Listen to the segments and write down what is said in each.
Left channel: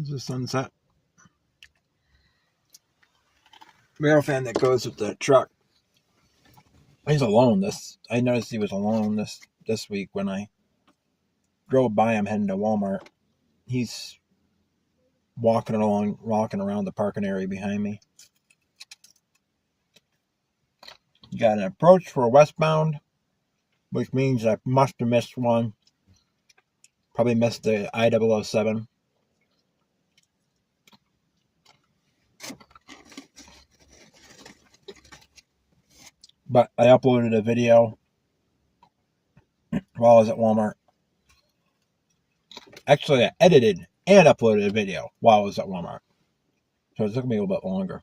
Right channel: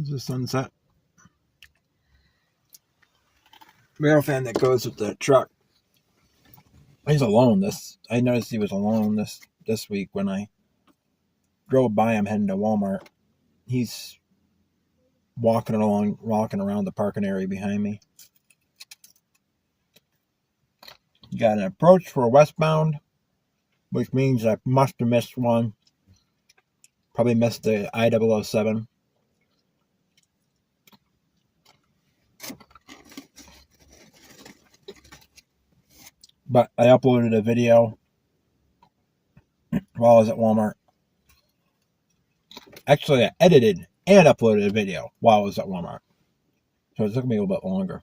There's a sunset. Railfan that goes with the truck. He's alone. I noticed he was alone this week when I drove by him heading to Walmart. He's walking around the parking area behind me. You got an approach for westbound, which means I must have missed one. Probably missed the I-007. But I uploaded a video while I was at Walmart. Actually, I edited and uploaded a video while I was at Walmart. So it took me a little bit longer.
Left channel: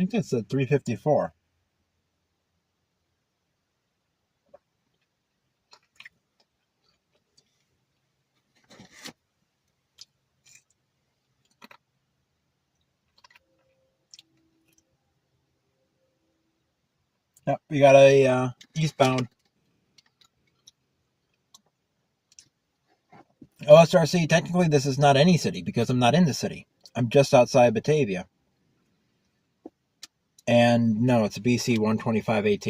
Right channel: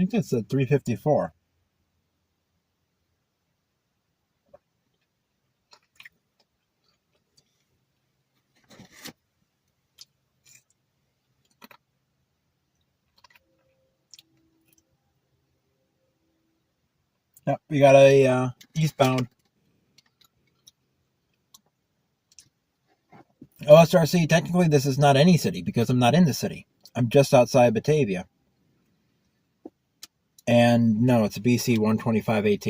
think that said 354. Yep, we got a eastbound. OSRC, technically this is not any city because I'm not in the city. I'm just outside Batavia. And no, it's a BC 125 AT.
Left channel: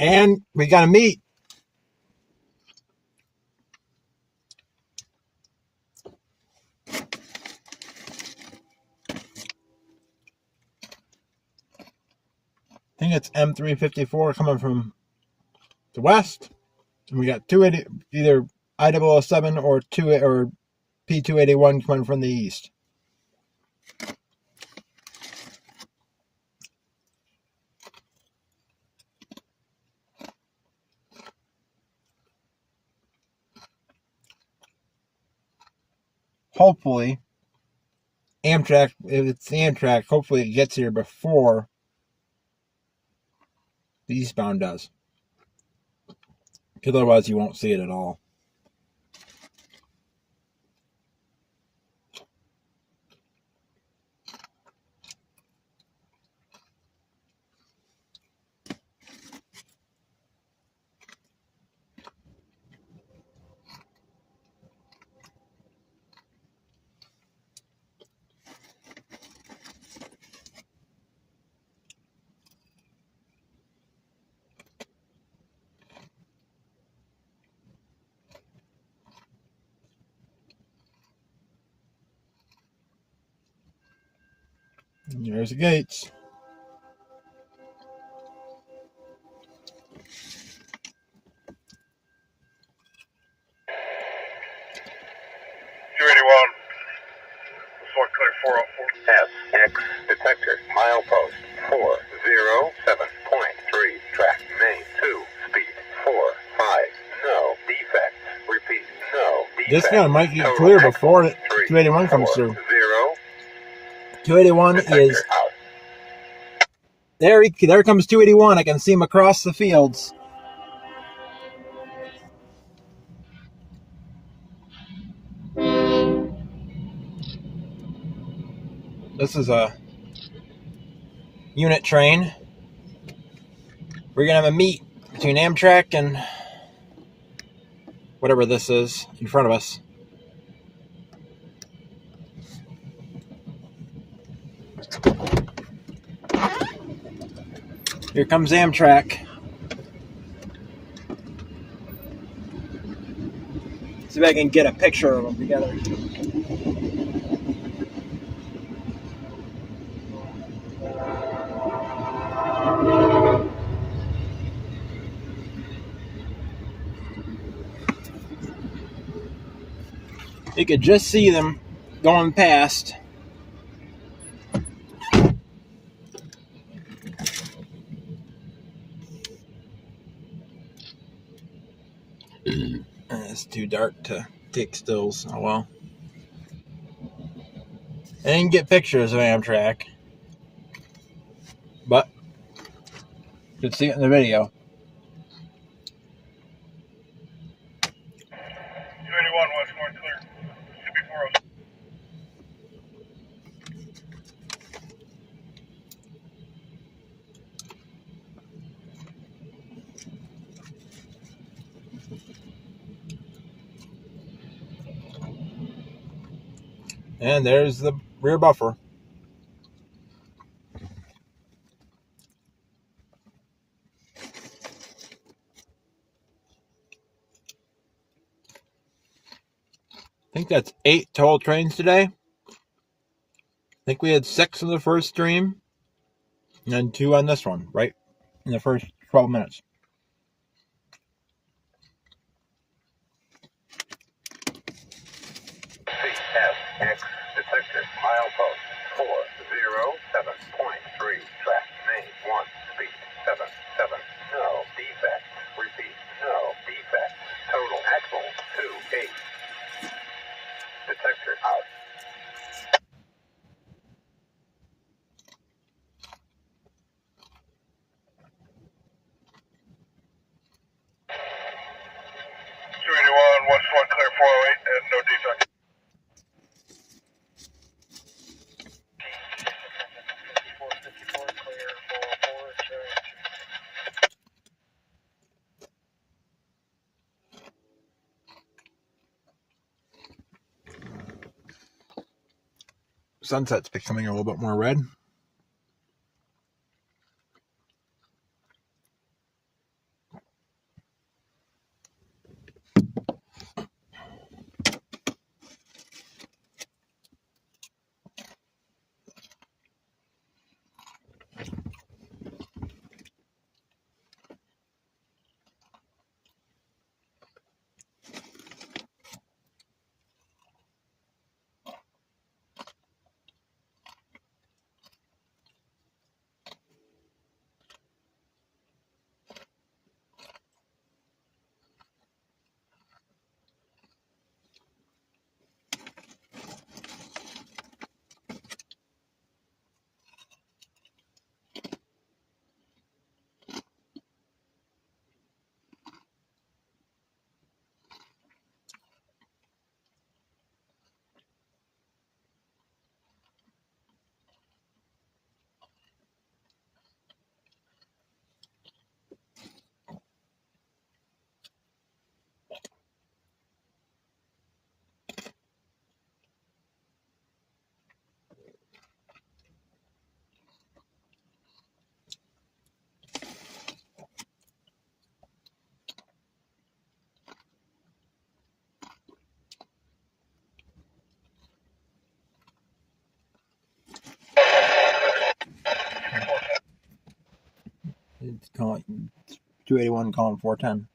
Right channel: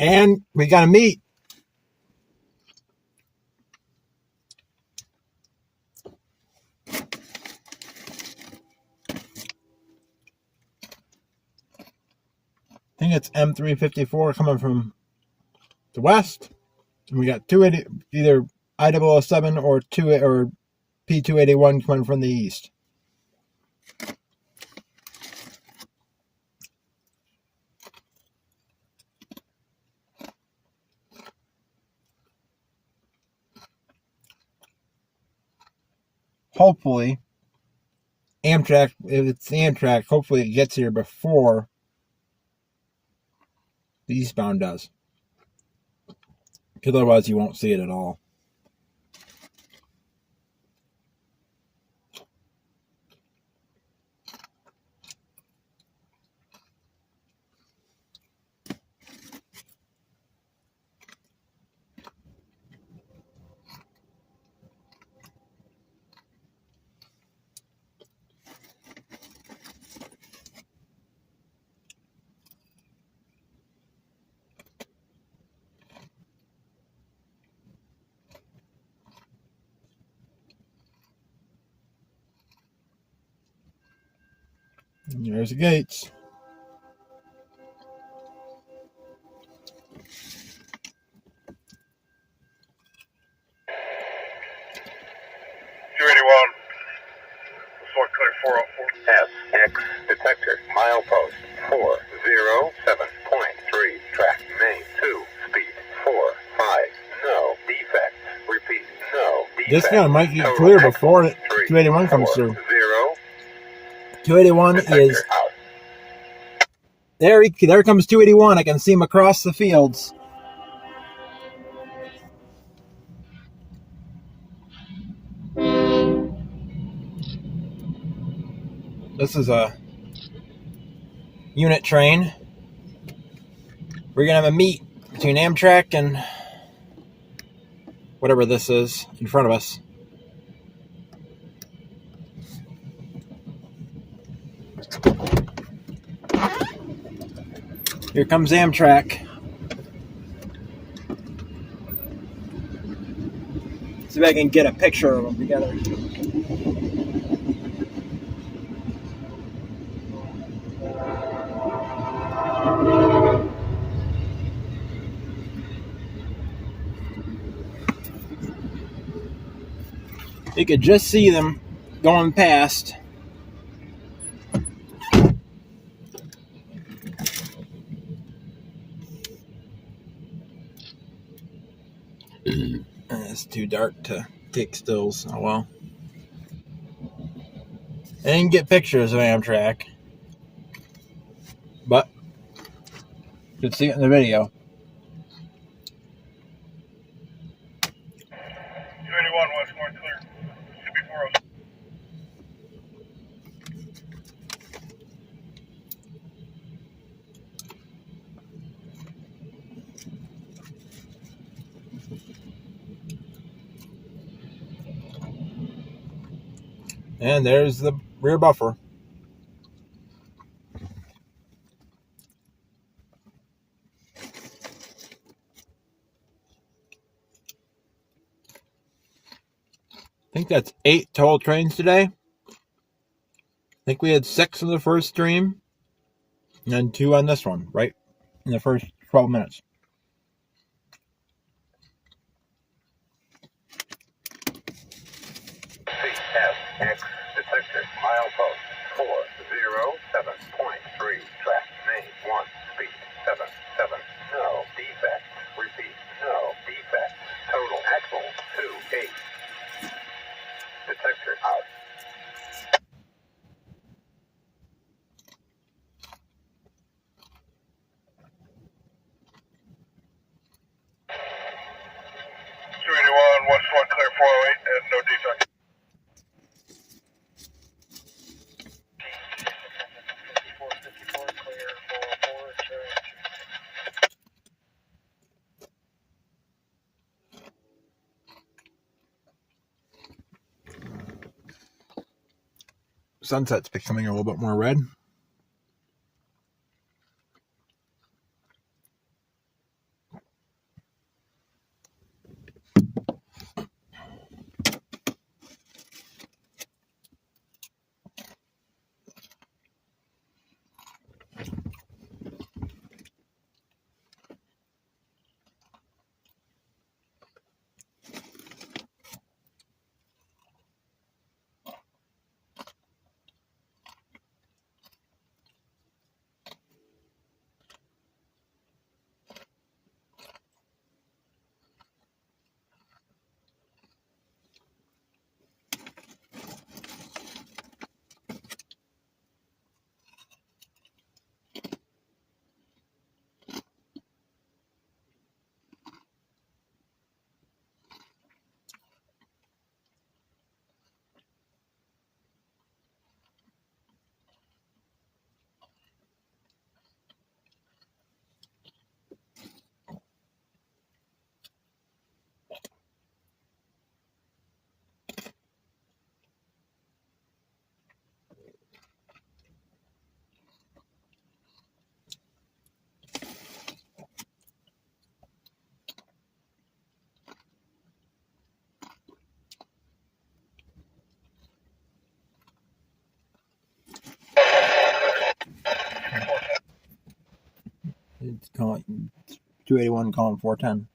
And we got to meet. I think it's M354 coming from the west. And we got 280, either I007 or P281 coming from the east. Hopefully, Amtrak, if it's Amtrak, hopefully it gets here before the eastbound does. Because otherwise you won't see it at all. And there's the gates. SX detector, milepost 407.3, track main 2, speed 45, no defects, repeat, no defects. This guy might get clear before 281 comes through. 281 is... There comes 281. I can see him across the fields. This is a unit train. We're going to have a meet between Amtrak and whatever this is in front of us. Here comes Amtrak. See if I can get a picture of them together. You could just see them going past. It's too dark to take stills. Oh well. I didn't get pictures of Amtrak, but you can see it in the video. 281 west more clear. Should be 407. And there's the rear buffer. I think that's 8 total trains today. I think we had 6 in the first stream, and then 2 on this one, right in the first 12 minutes. CFX detected milepost 407.3 track name 1 speed 77 no defect repeat no defect total axle 28 detector out. West 1 clear 408 and no defect. Sunset's becoming a little bit more red. It's calling 281 calling 410.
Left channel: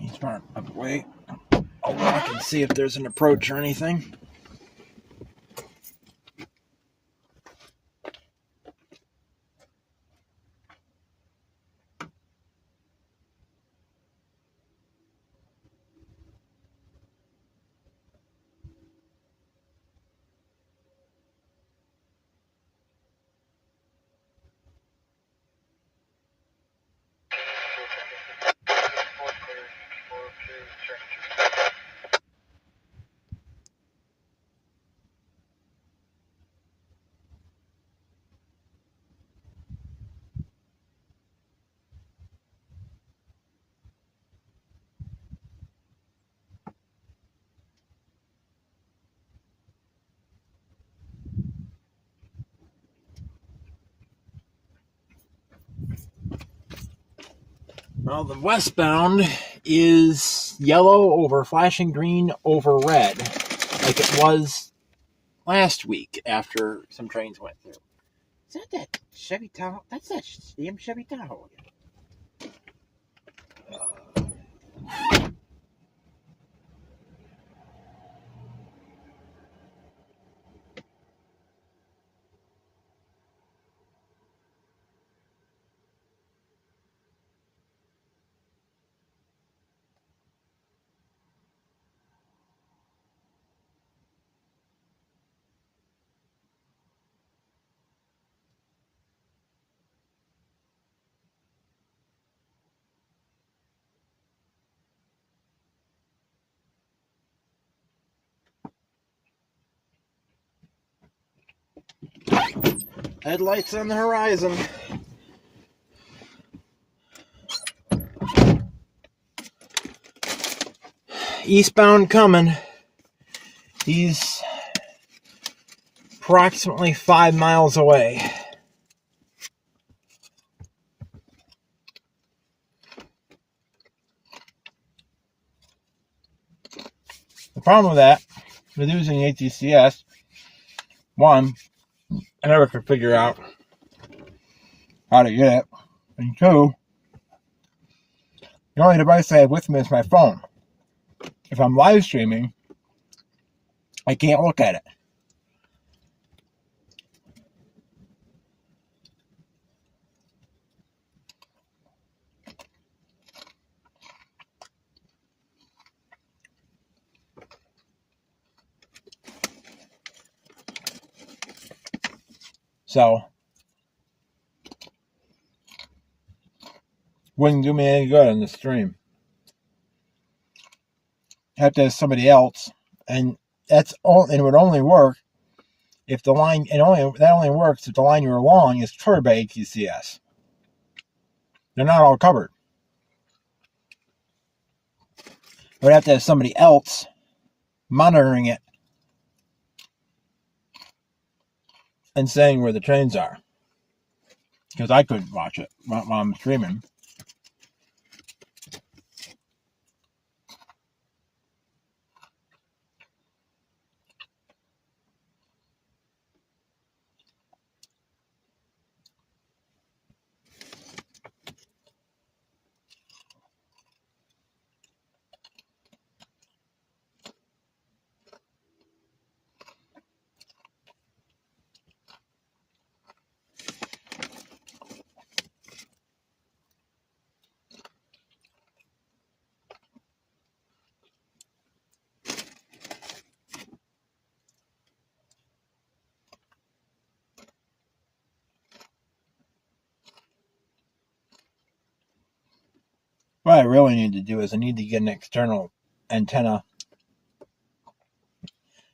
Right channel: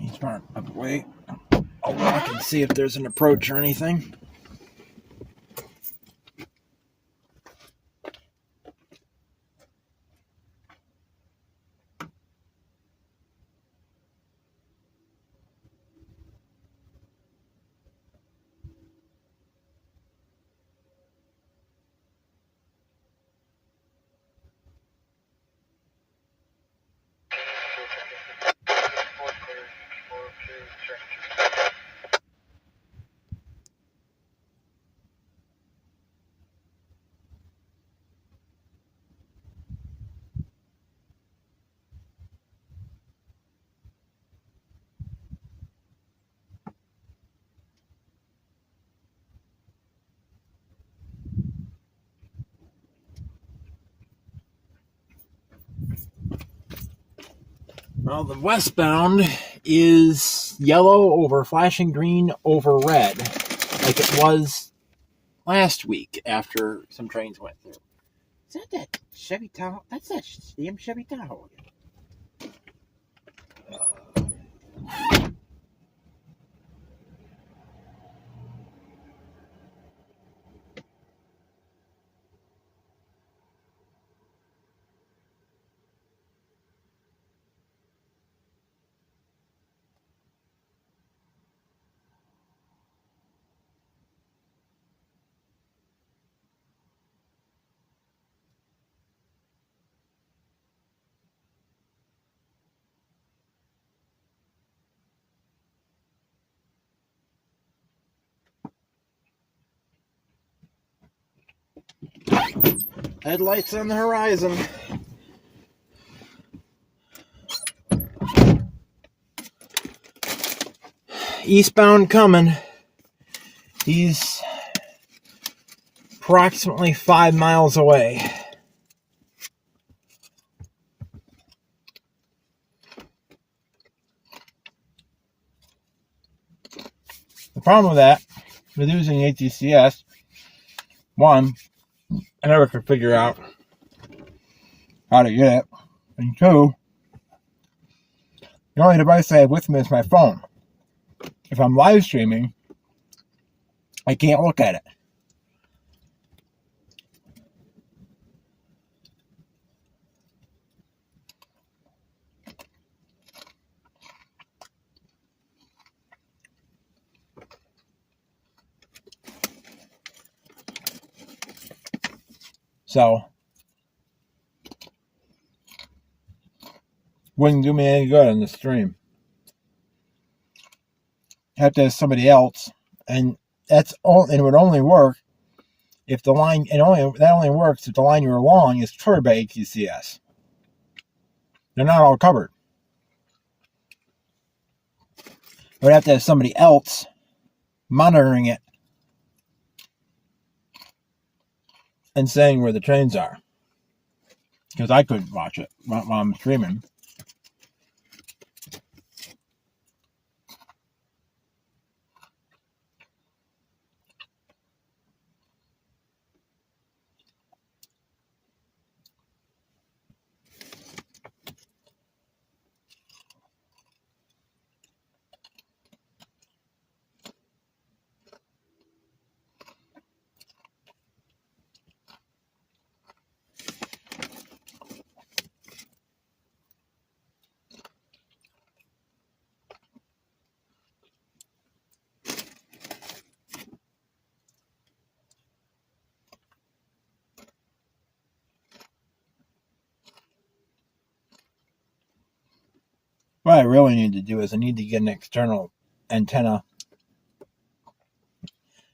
He's trying to wait. I'll walk and see if there's an approach or anything. Well, the westbound is yellow over flashing green over red, like it was last week after some trains went through. Is that Chevy Tahoe? That's that damn Chevy Tahoe. Headlights on the horizon. Eastbound coming. He's approximately 5 miles away. The problem with that, with using ATCS, one, I never could figure out how to get it. And two, the only device I have with me is my phone. If I'm live streaming, I can't look at it. So, wouldn't do me any good on the stream. I have to have somebody else, and it would only work if the line, that only works if the line you're along is covered by ATCS. They're not all covered. I would have to have somebody else monitoring it and saying where the trains are, because I couldn't watch it while I'm streaming. What I really need to do is I need to get an external antenna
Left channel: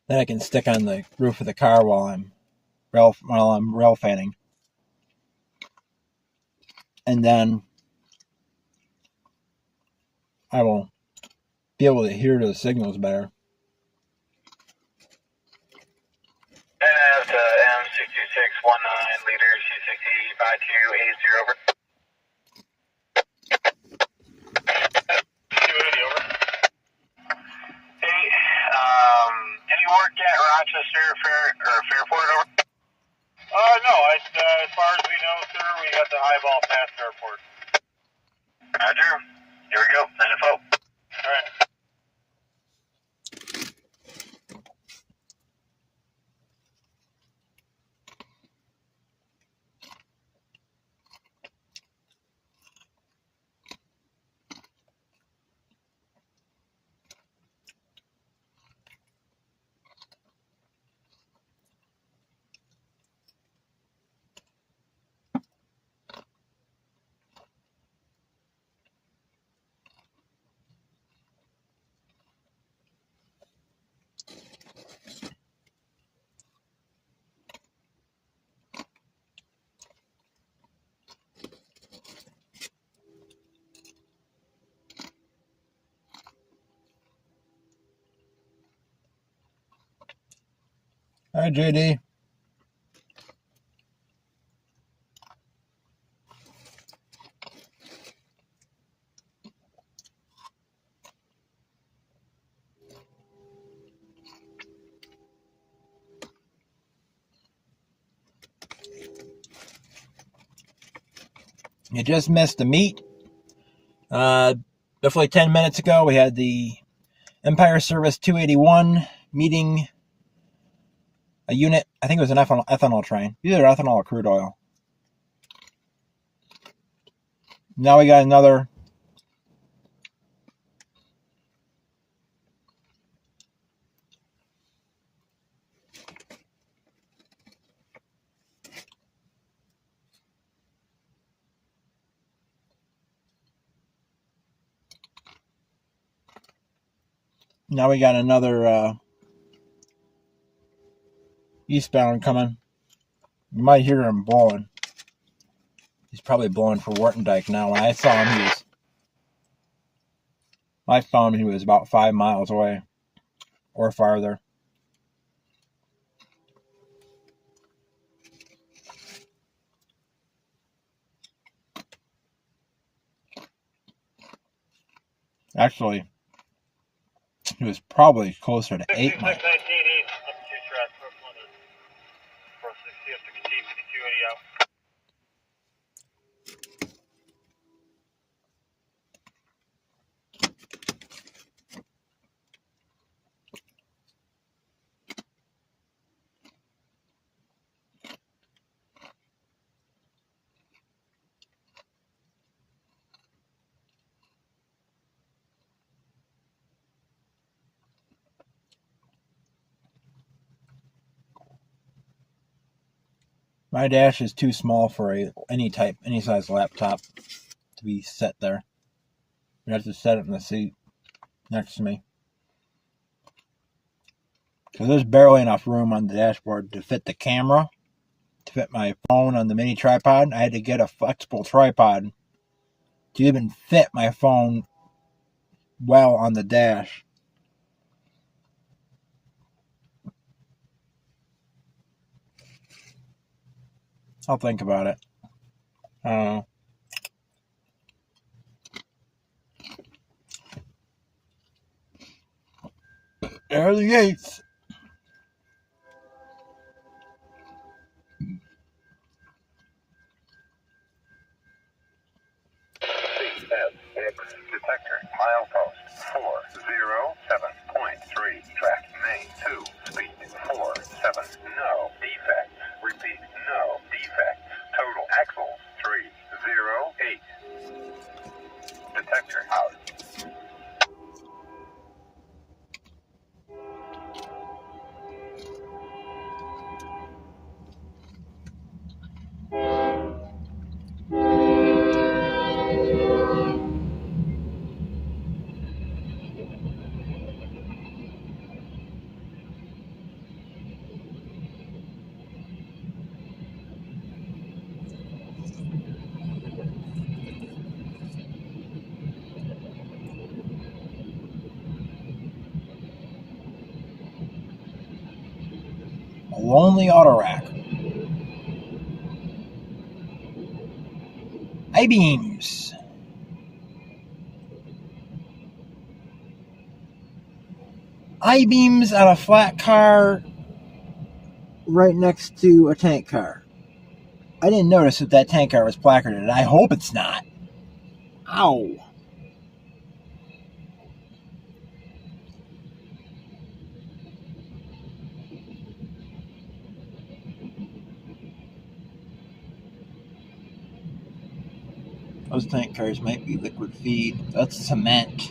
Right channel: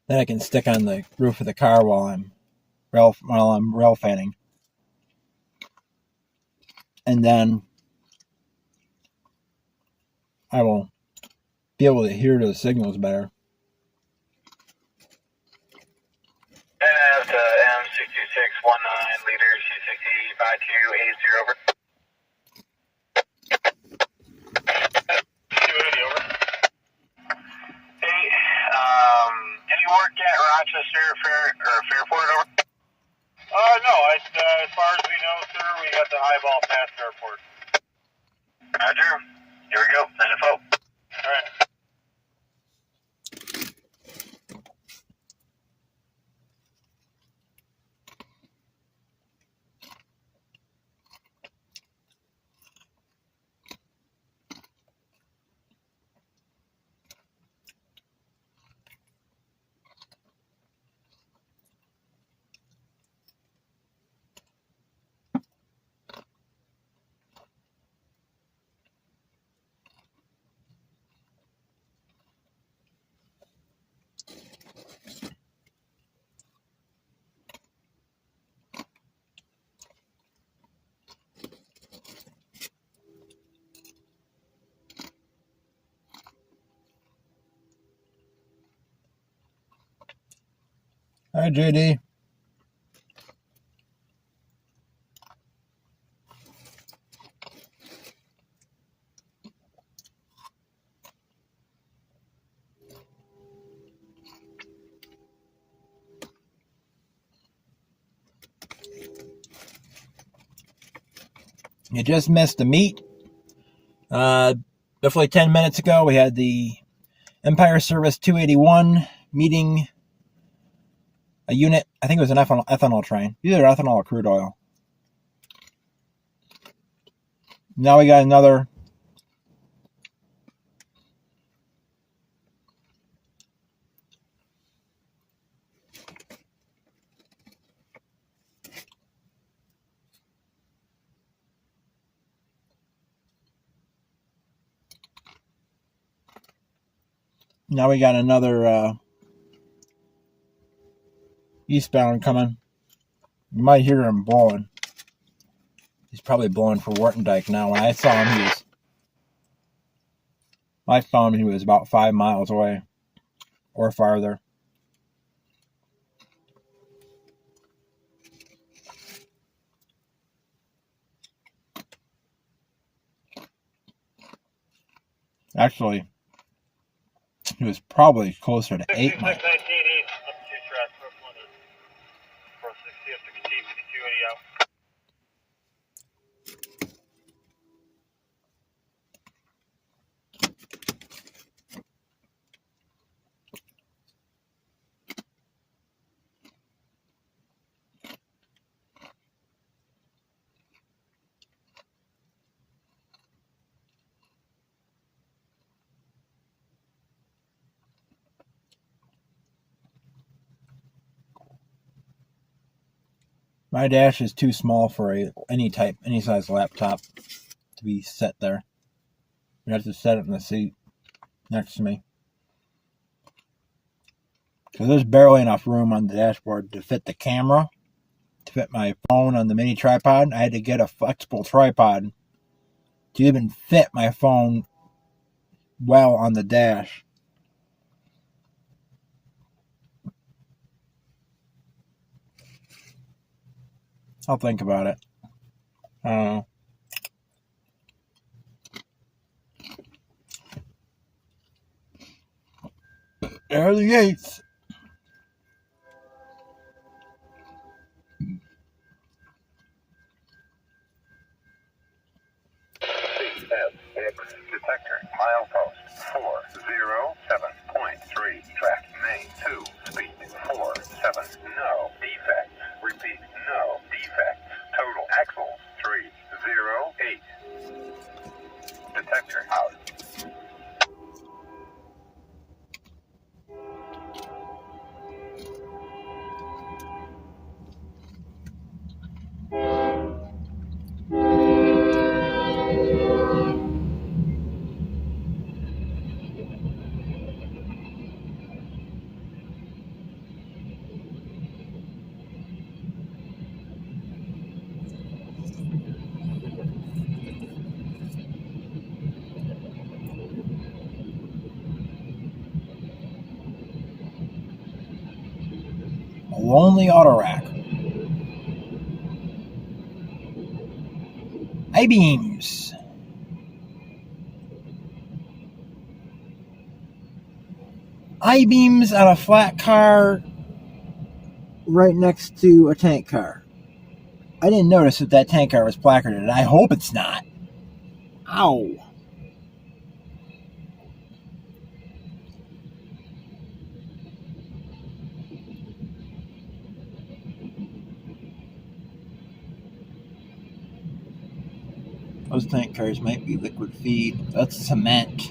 that I can stick on the roof of the car while I'm railfanning, and then I will be able to hear the signals better. And M6619 leader C605280 over. Hey, any work at Rochester Fairport over? No. As far as we know, sir, we got the eyeball past airport. Roger. Here we go. Info. All right. Hi, JD. You just missed the meet. Roughly 10 minutes ago, we had the Empire Service 281 meeting a unit. I think it was an ethanol train. Either ethanol or crude oil. Now we got another. Now we got another eastbound coming. You might hear him blowing. He's probably blowing for Wartendijk now. When I saw him, I found he was about 5 miles away or farther. Actually, he was probably closer to 8 miles. My dash is too small for any size laptop to be set there. You have to set it in the seat next to me. Because there's barely enough room on the dashboard to fit the camera, to fit my phone on the mini tripod. I had to get a flexible tripod to even fit my phone well on the dash. I'll think about it. There are the gates. Detector, milepost 407.3, track main 2, speed 47, no defects, repeat, no defects, total axles 308, detector out. Lonely auto rack. I-beams. I-beams on a flat car right next to a tank car. I didn't notice that tank car was placarded. I hope it's not. Ow. Those tank cars might be liquid feed. That's cement.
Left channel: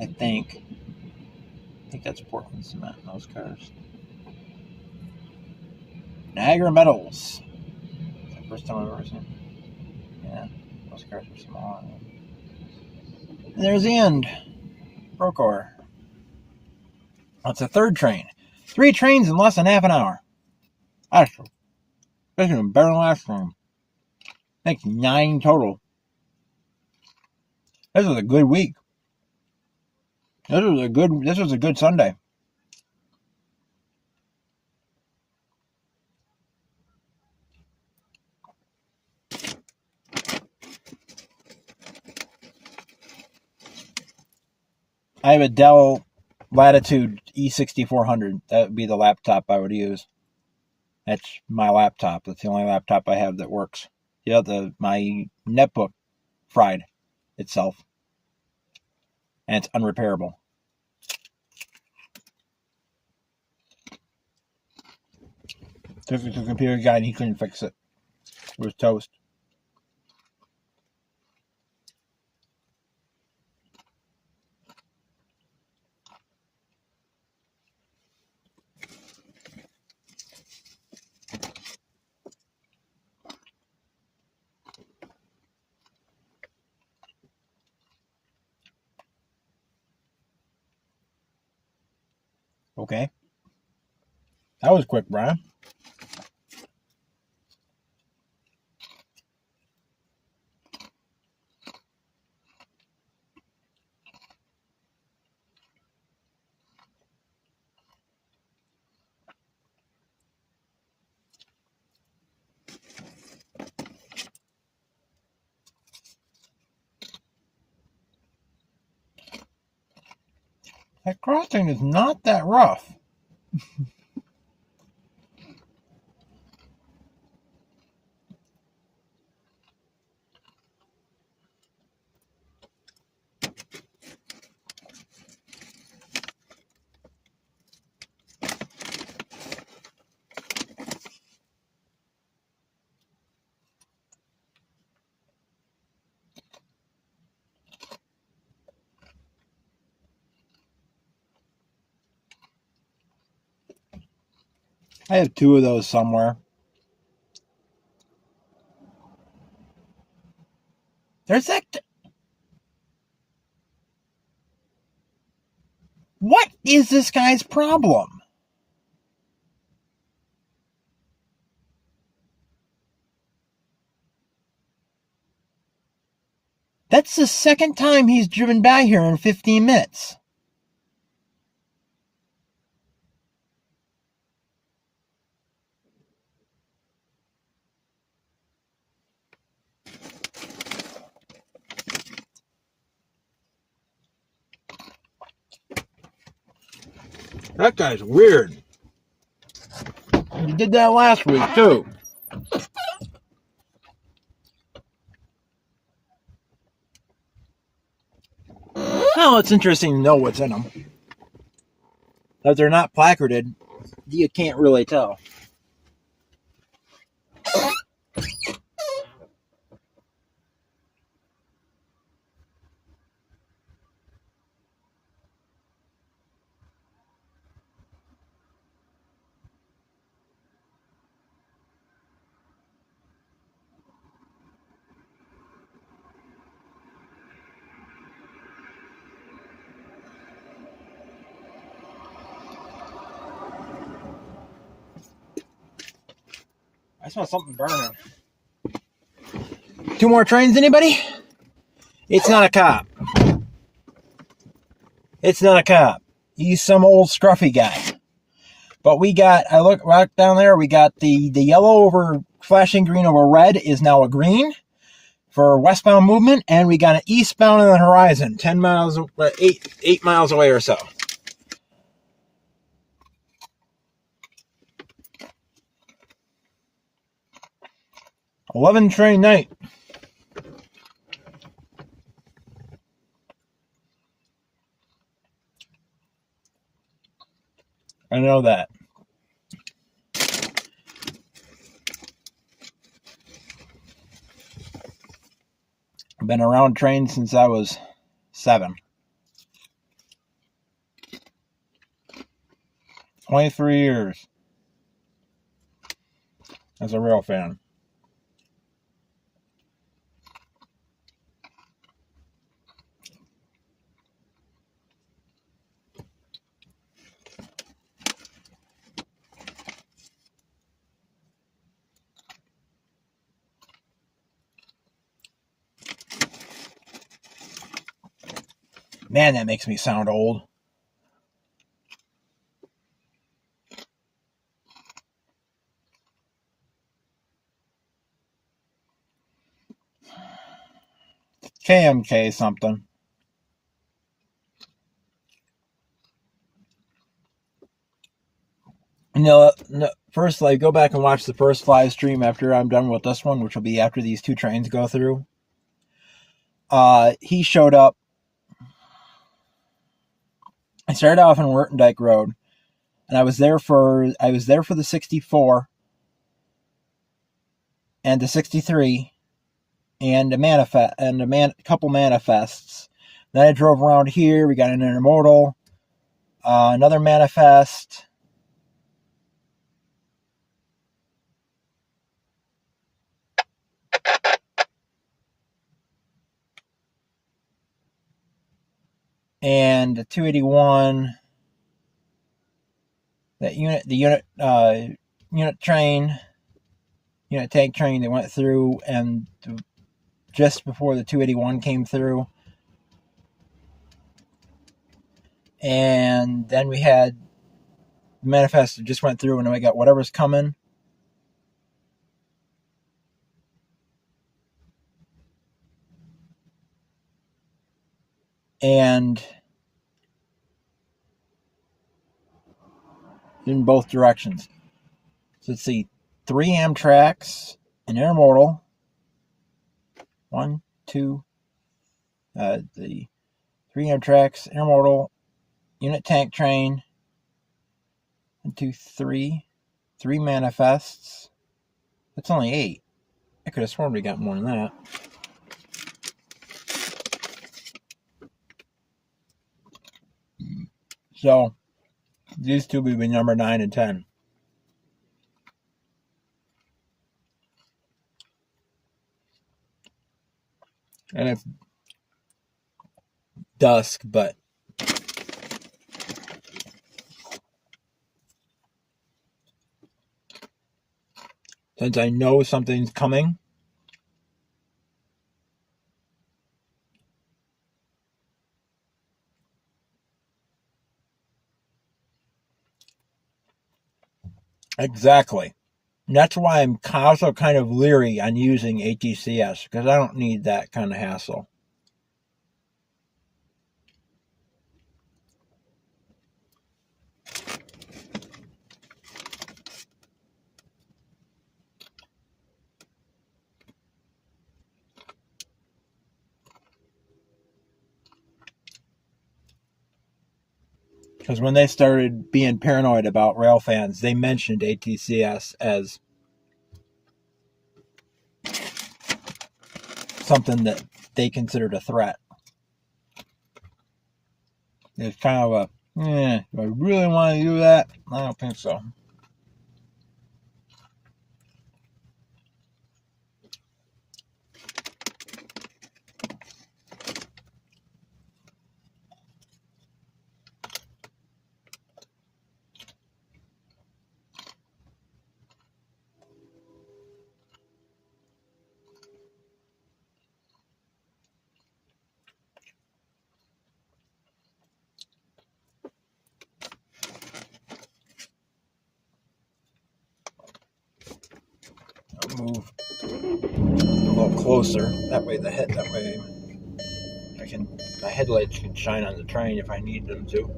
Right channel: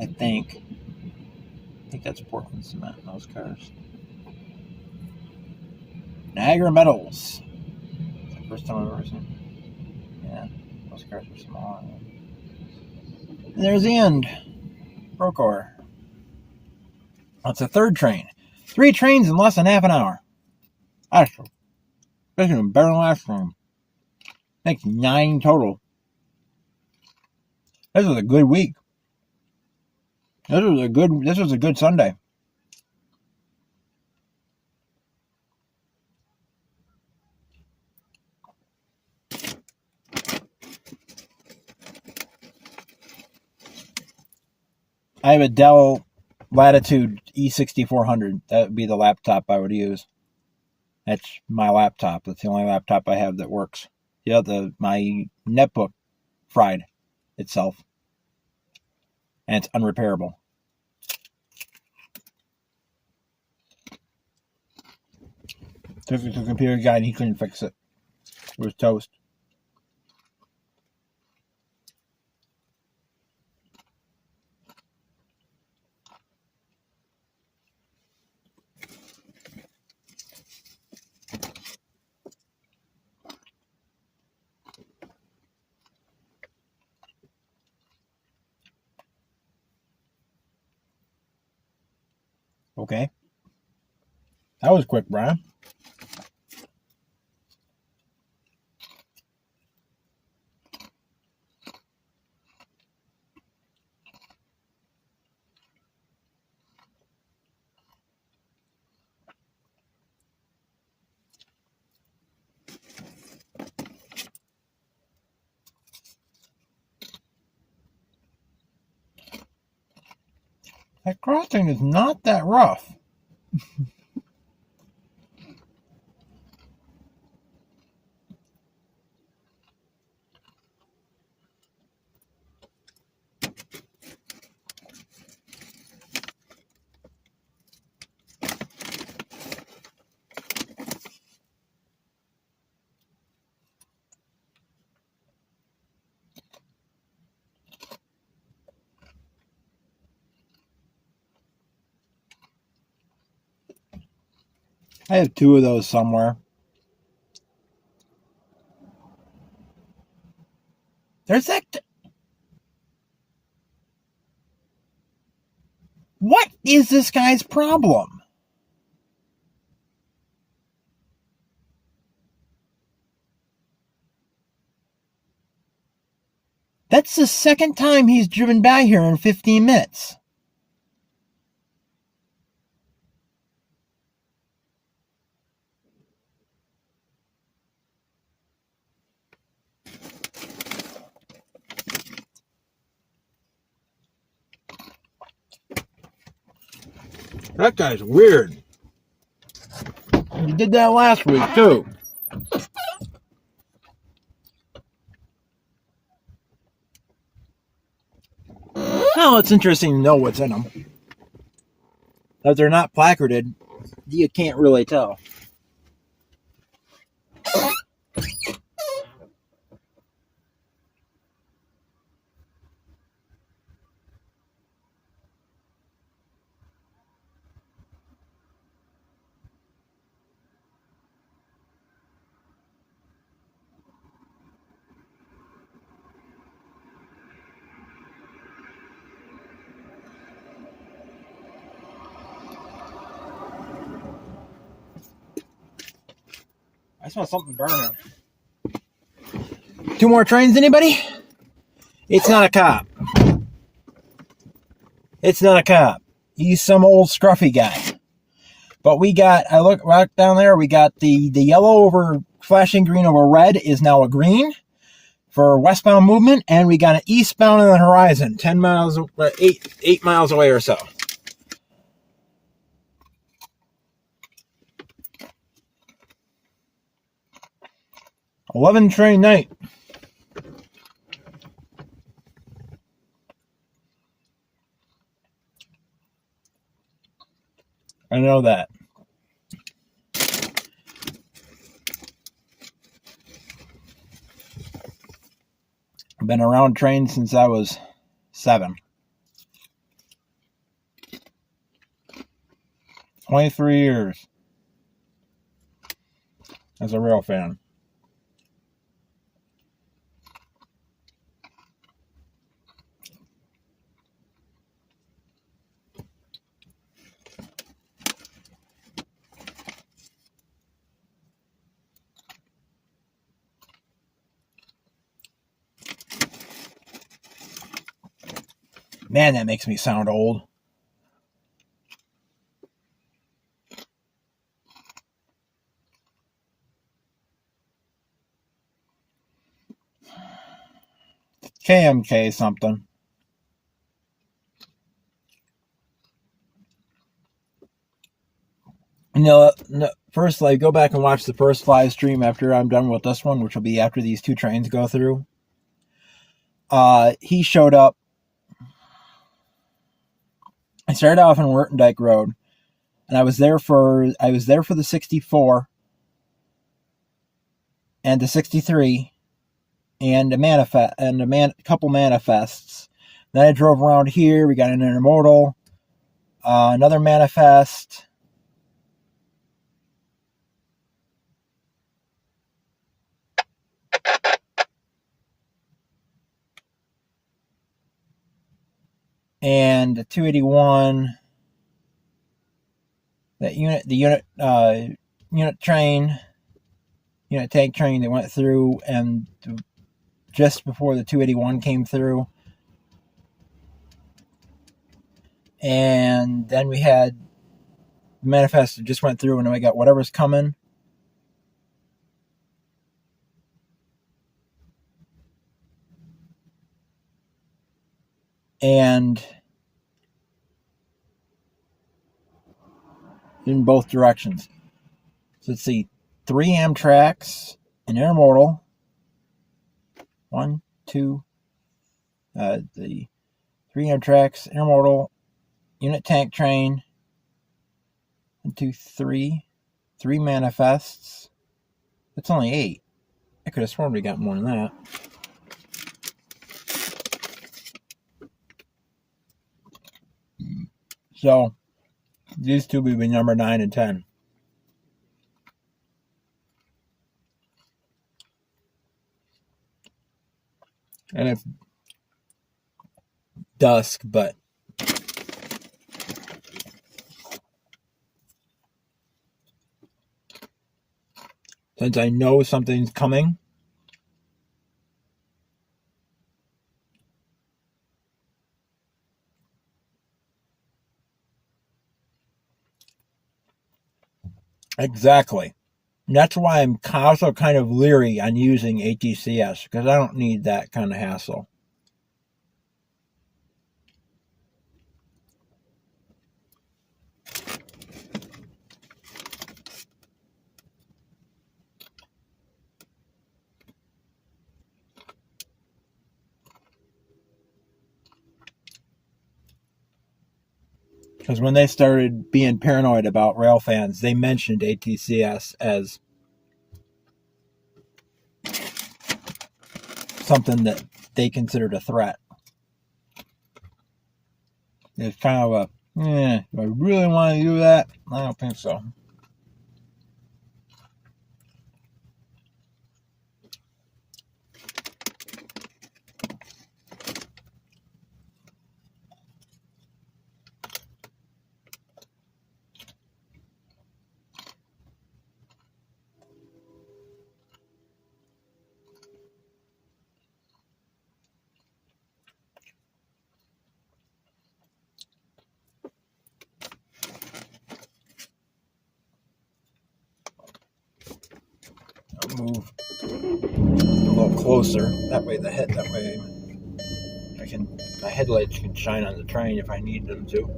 I think that's Portland cement in those cars. Niagara Metals. That's the first time I've ever seen. Yeah, those cars are small. And there's the end. Procore. That's the third train. 3 trains in less than half an hour. Actually, this is better than last time. I think 9 total. This was a good week. This was a good Sunday. I have a Dell Latitude E6400. That would be the laptop I would use. That's my laptop. That's the only laptop I have that works. Yeah, my netbook fried itself, and it's unrepairable. Took it to the computer guy and he couldn't fix it. It was toast. Okay. That was quick, Brian. That crossing is not that rough. I have 2 of those somewhere. There's that. What is this guy's problem? That's the second time he's driven by here in 15 minutes. That guy's weird. He did that last week, too. Well, it's interesting to know what's in them. If they're not placarded, you can't really tell. I smell something burning. 2 more trains, anybody? It's not a cop. It's not a cop. He's some old scruffy guy. But we got, I look right down there, we got the yellow over flashing green over red is now a green for westbound movement, and we got an eastbound on the horizon, 10 miles, 8 miles away or so. "11 train night." I know that. I've been around trains since I was 7. 23 years as a rail fan. Man, that makes me sound old. KMK something. First, like, go back and watch the first live stream after I'm done with this one, which will be after these two trains go through. He showed up. I started off on Wertendijk Road, and I was there for the 64 and the 63 and a couple manifests. Then I drove around here. We got an intermodal, another manifest. And the 281, the unit tank train that went through, and just before the 281 came through. And then we had the manifest that just went through, and then we got whatever's coming. And in both directions. So let's see, 3 Amtraks, an intermodal, 1, 2, the 3 Amtraks, intermodal, unit tank train, 1, 2, 3 manifests. That's only 8. I could have sworn we got more than that. So these two would be number 9 and 10. And it's dusk, but since I know something's coming, exactly. And that's why I'm also kind of leery on using ATCS, because I don't need that kind of hassle. Because when they started being paranoid about Railfans, they mentioned ATCS as something that they considered a threat. It's kind of do I really want to do that? I don't think so. Move a little closer. That way the headlights can shine on the train if I need them to.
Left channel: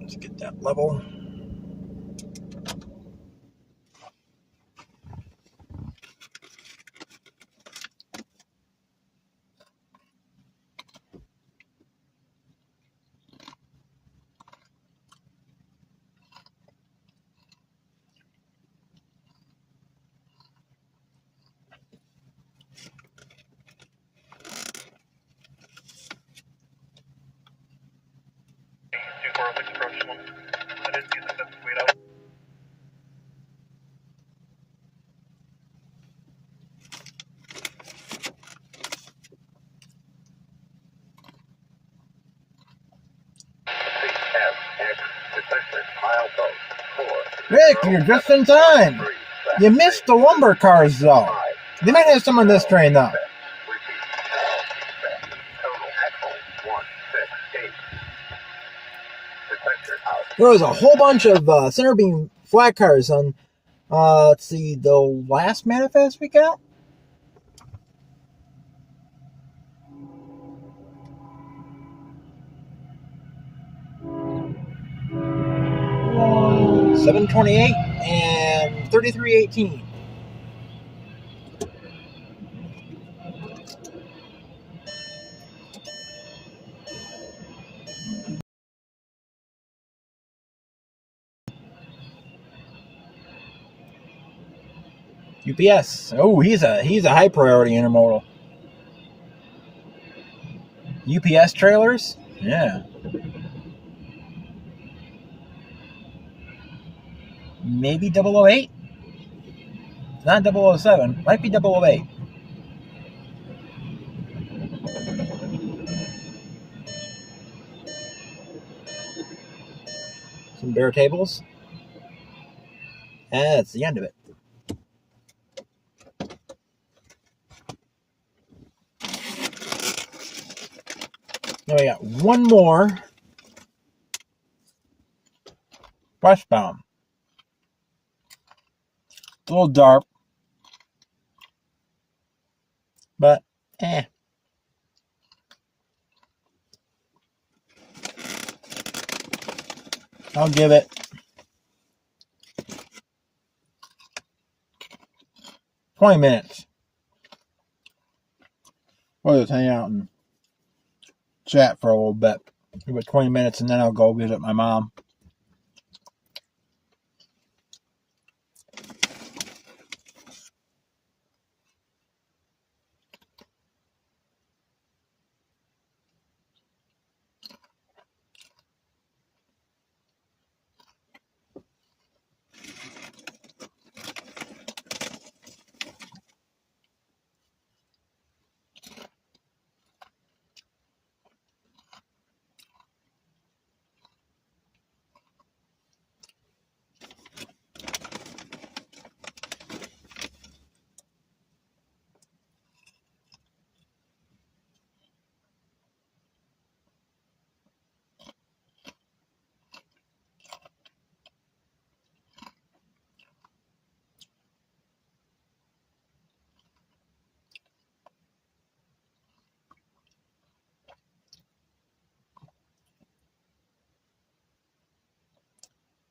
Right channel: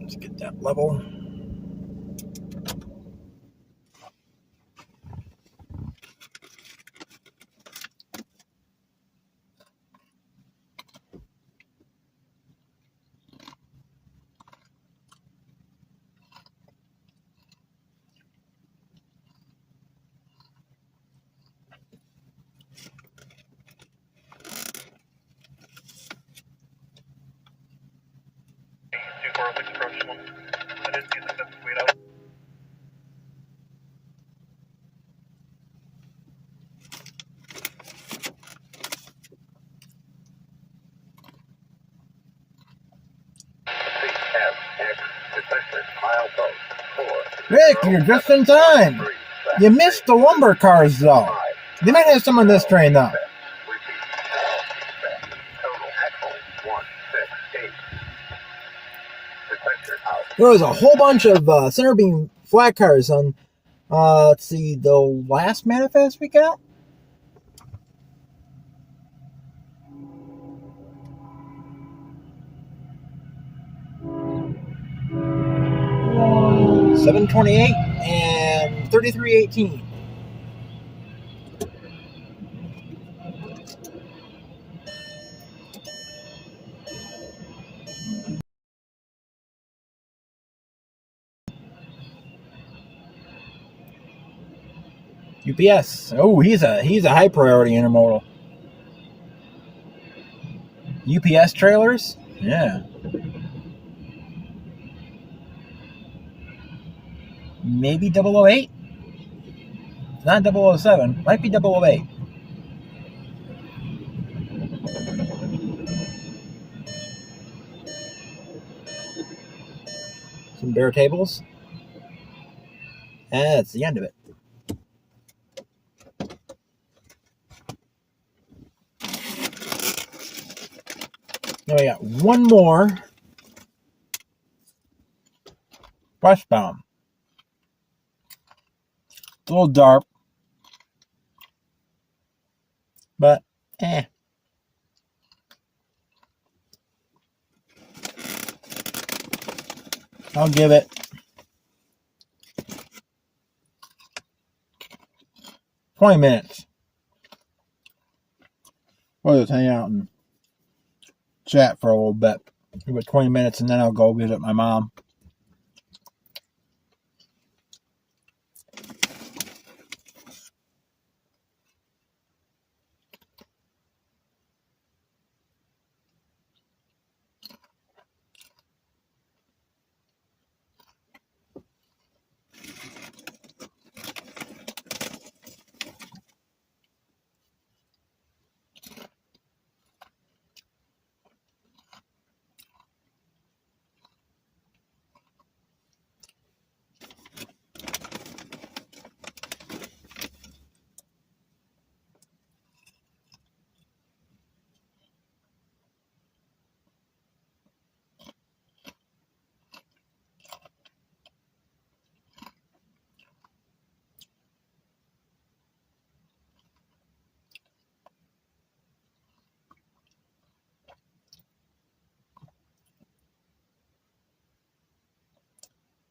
Let's get that level. Rick, you're just in time. You missed the lumber cars, though. They might have some on this train, though. There was a whole bunch of center beam flat cars on, let's see, the last manifest we got? 728 and 3318. UPS. Oh, he's a high priority intermodal. UPS trailers? Yeah. Maybe 008? Not 007. Might be 008. Some bare tables. And that's the end of it. Now we got one more westbound. It's a little dark, but I'll give it 20 minutes. We'll just hang out and chat for a little bit. Give it 20 minutes and then I'll go visit my mom.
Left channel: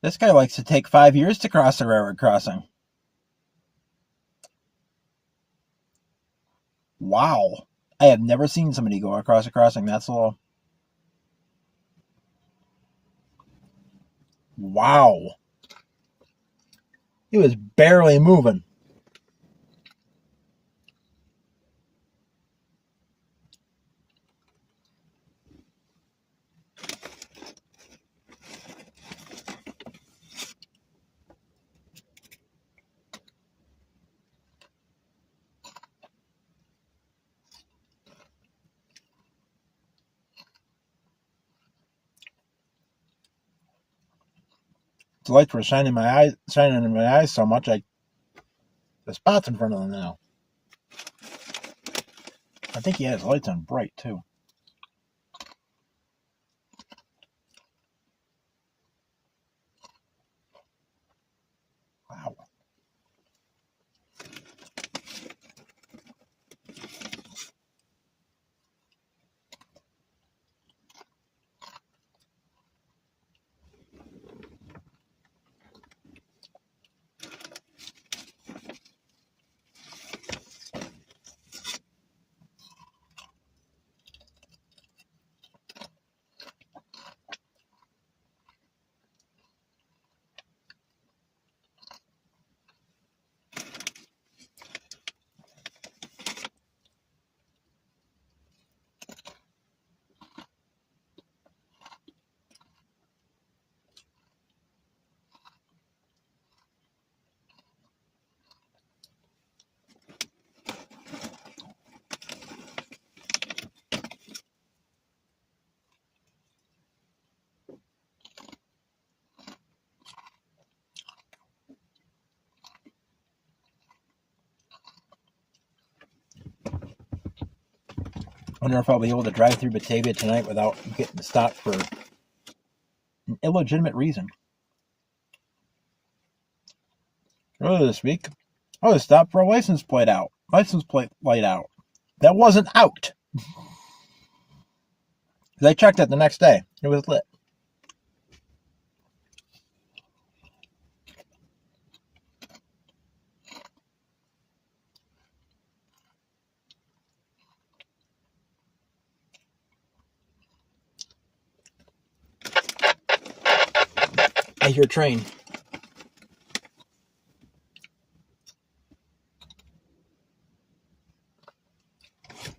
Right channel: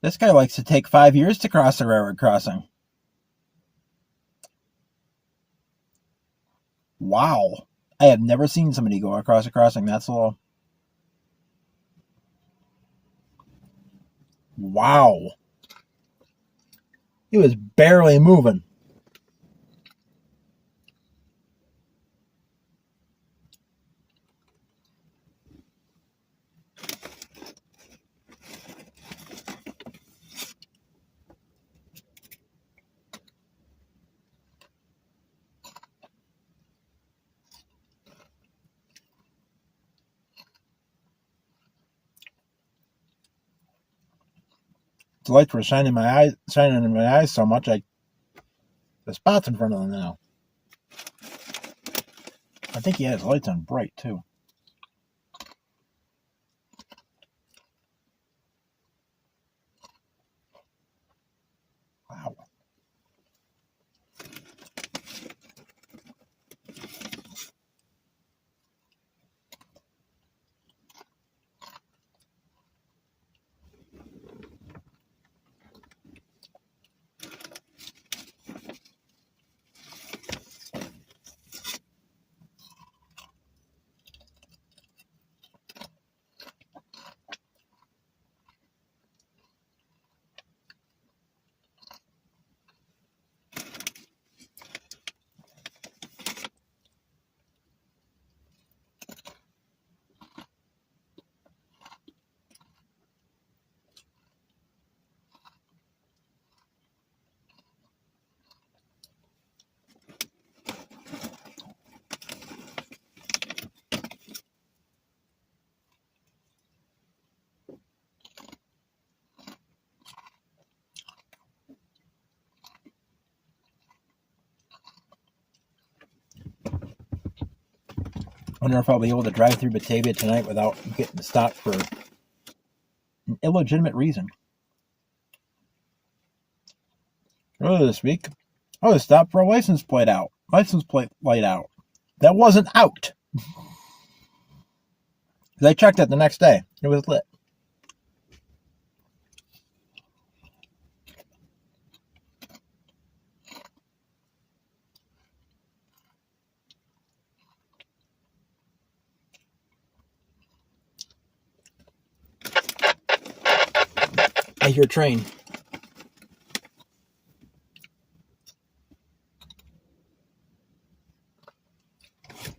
This guy likes to take 5 years to cross a railroad crossing. Wow. I have never seen somebody go across a crossing that slow. Wow. He was barely moving. The lights were shining in my eyes so much, the spot's in front of them now. I think he has lights on bright too. Wow. I wonder if I'll be able to drive through Batavia tonight without getting stopped for an illegitimate reason. Earlier this week, I was stopped for a license plate light out. That wasn't out. I checked it the next day. It was lit. I hear train.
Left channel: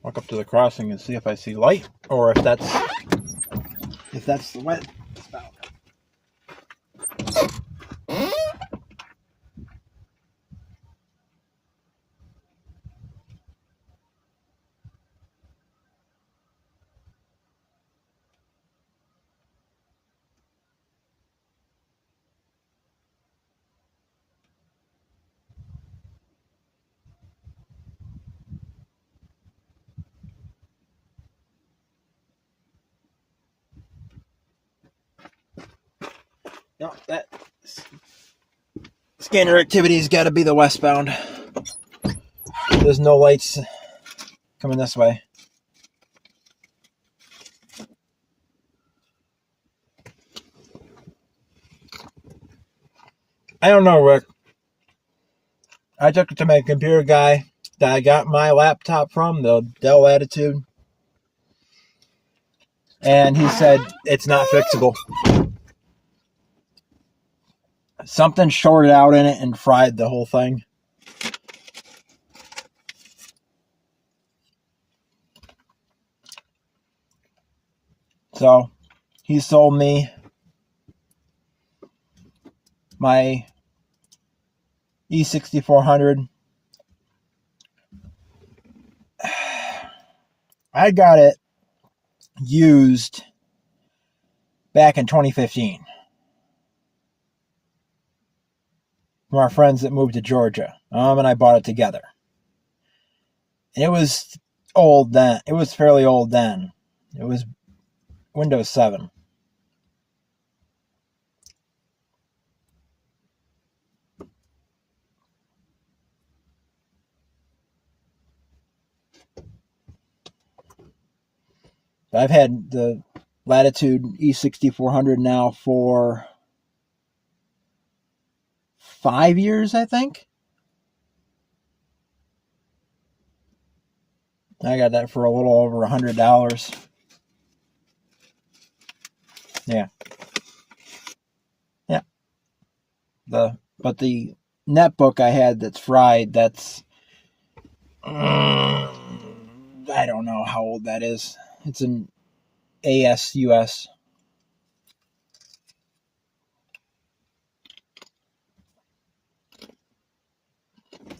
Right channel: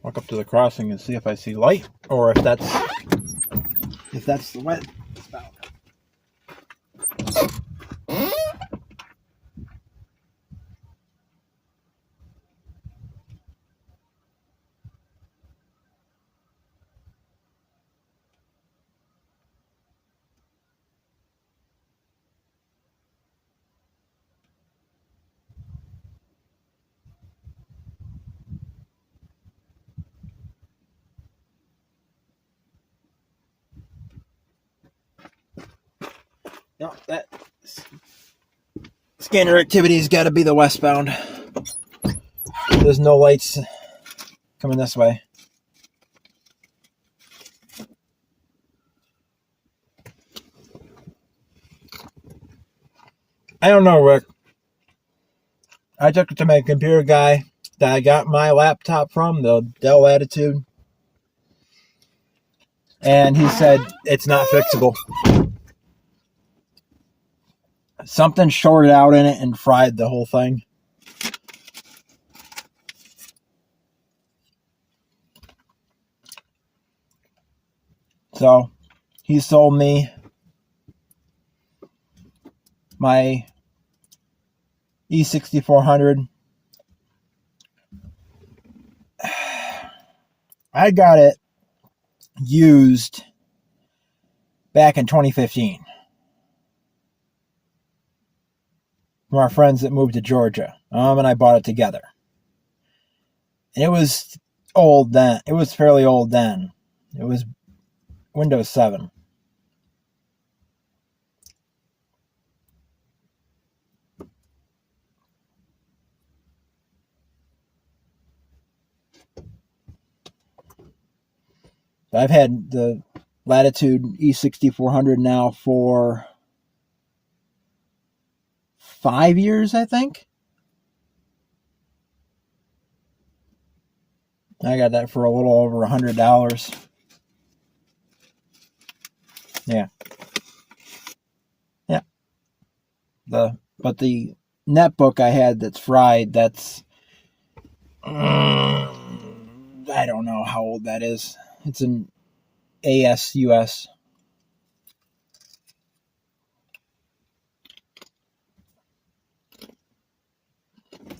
Walk up to the crossing and see if I see light, or if that's the wet spout. No, that scanner activity's got to be the westbound. There's no lights coming this way. I don't know, Rick. I took it to my computer guy that I got my laptop from, the Dell Latitude, and he said it's not fixable. Something shorted out in it and fried the whole thing. So, he sold me my E6400. I got it used back in 2015 from our friends that moved to Georgia. And I bought it together. And it was old then. It was fairly old then. It was Windows 7. I've had the Latitude E6400 now for 5 years, I think. I got that for a little over $100. Yeah. But the netbook I had that's fried, that's I don't know how old that is. It's an ASUS.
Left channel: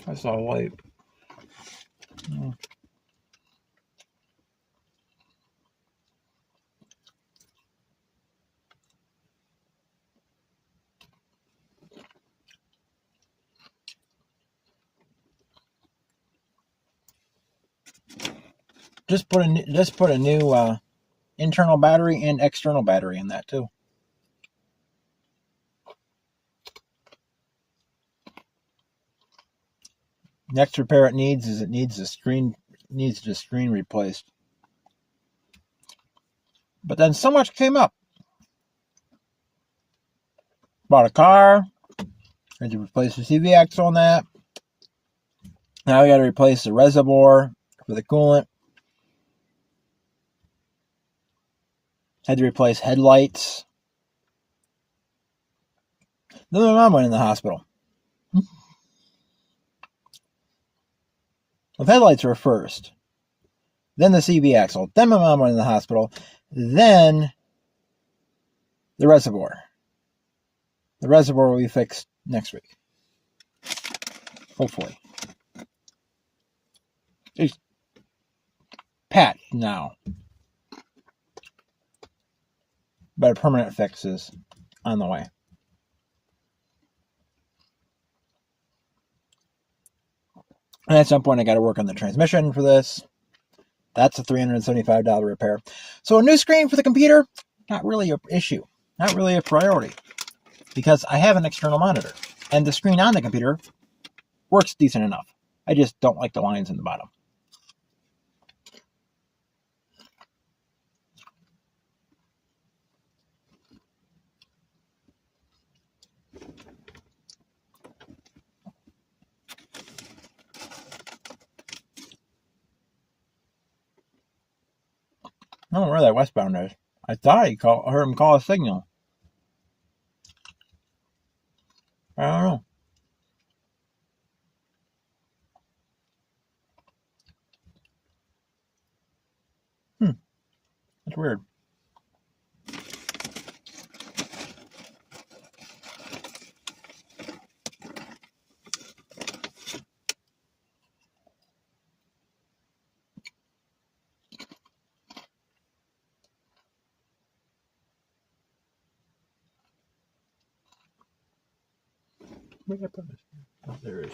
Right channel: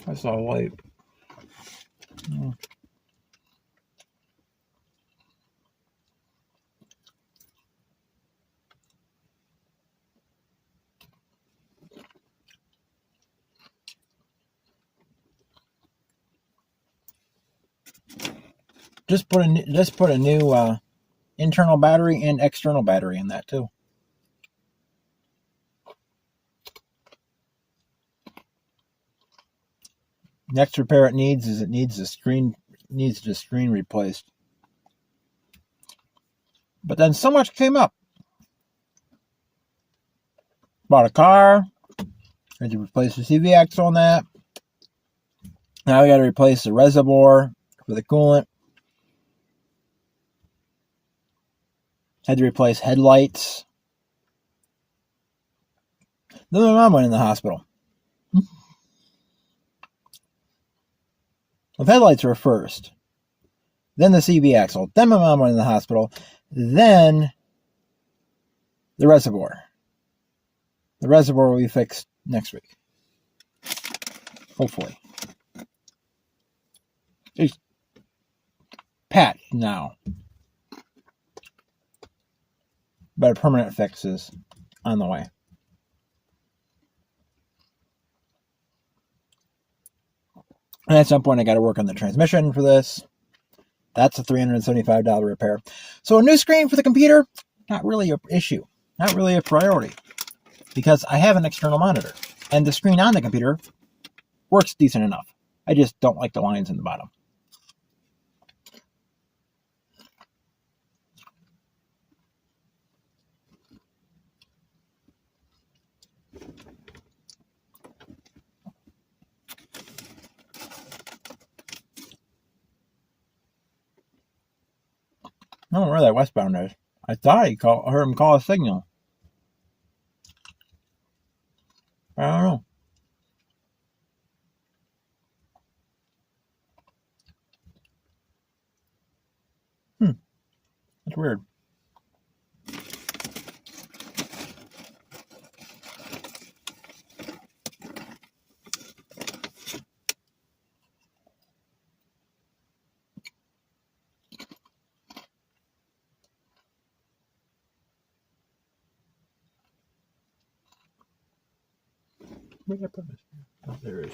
I saw light. Just put a new internal battery and external battery in that too. Next repair it needs the screen replaced. But then so much came up. Bought a car. Had to replace the CV axle on that. Now we got to replace the reservoir for the coolant. Had to replace headlights. Then my mom went in the hospital. The headlights were first. Then the CV axle. Then my mom went in the hospital. Then the reservoir. The reservoir will be fixed next week. Hopefully. It's patched now. But a permanent fix is on the way. And at some point I got to work on the transmission for this. That's a $375 repair. So a new screen for the computer, not really an issue. Not really a priority. Because I have an external monitor. And the screen on the computer works decent enough. I just don't like the lines in the bottom. I don't know where that westbound is. I thought I heard him call a signal. weird. Where did I put this? Oh, there it is.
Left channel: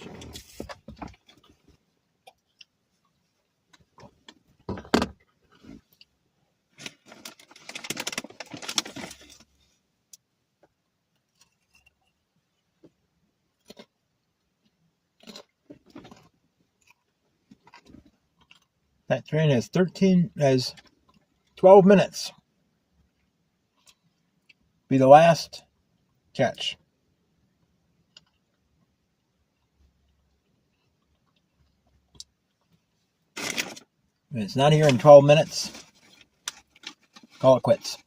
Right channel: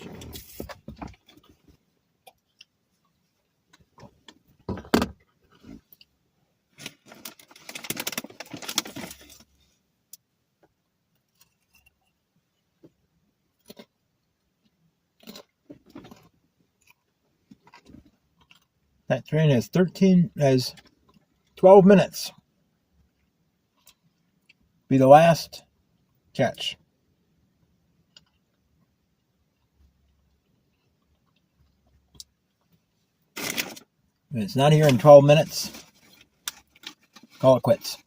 That train has 12 minutes. Be the last catch. If it's not here in 12 minutes, call it quits.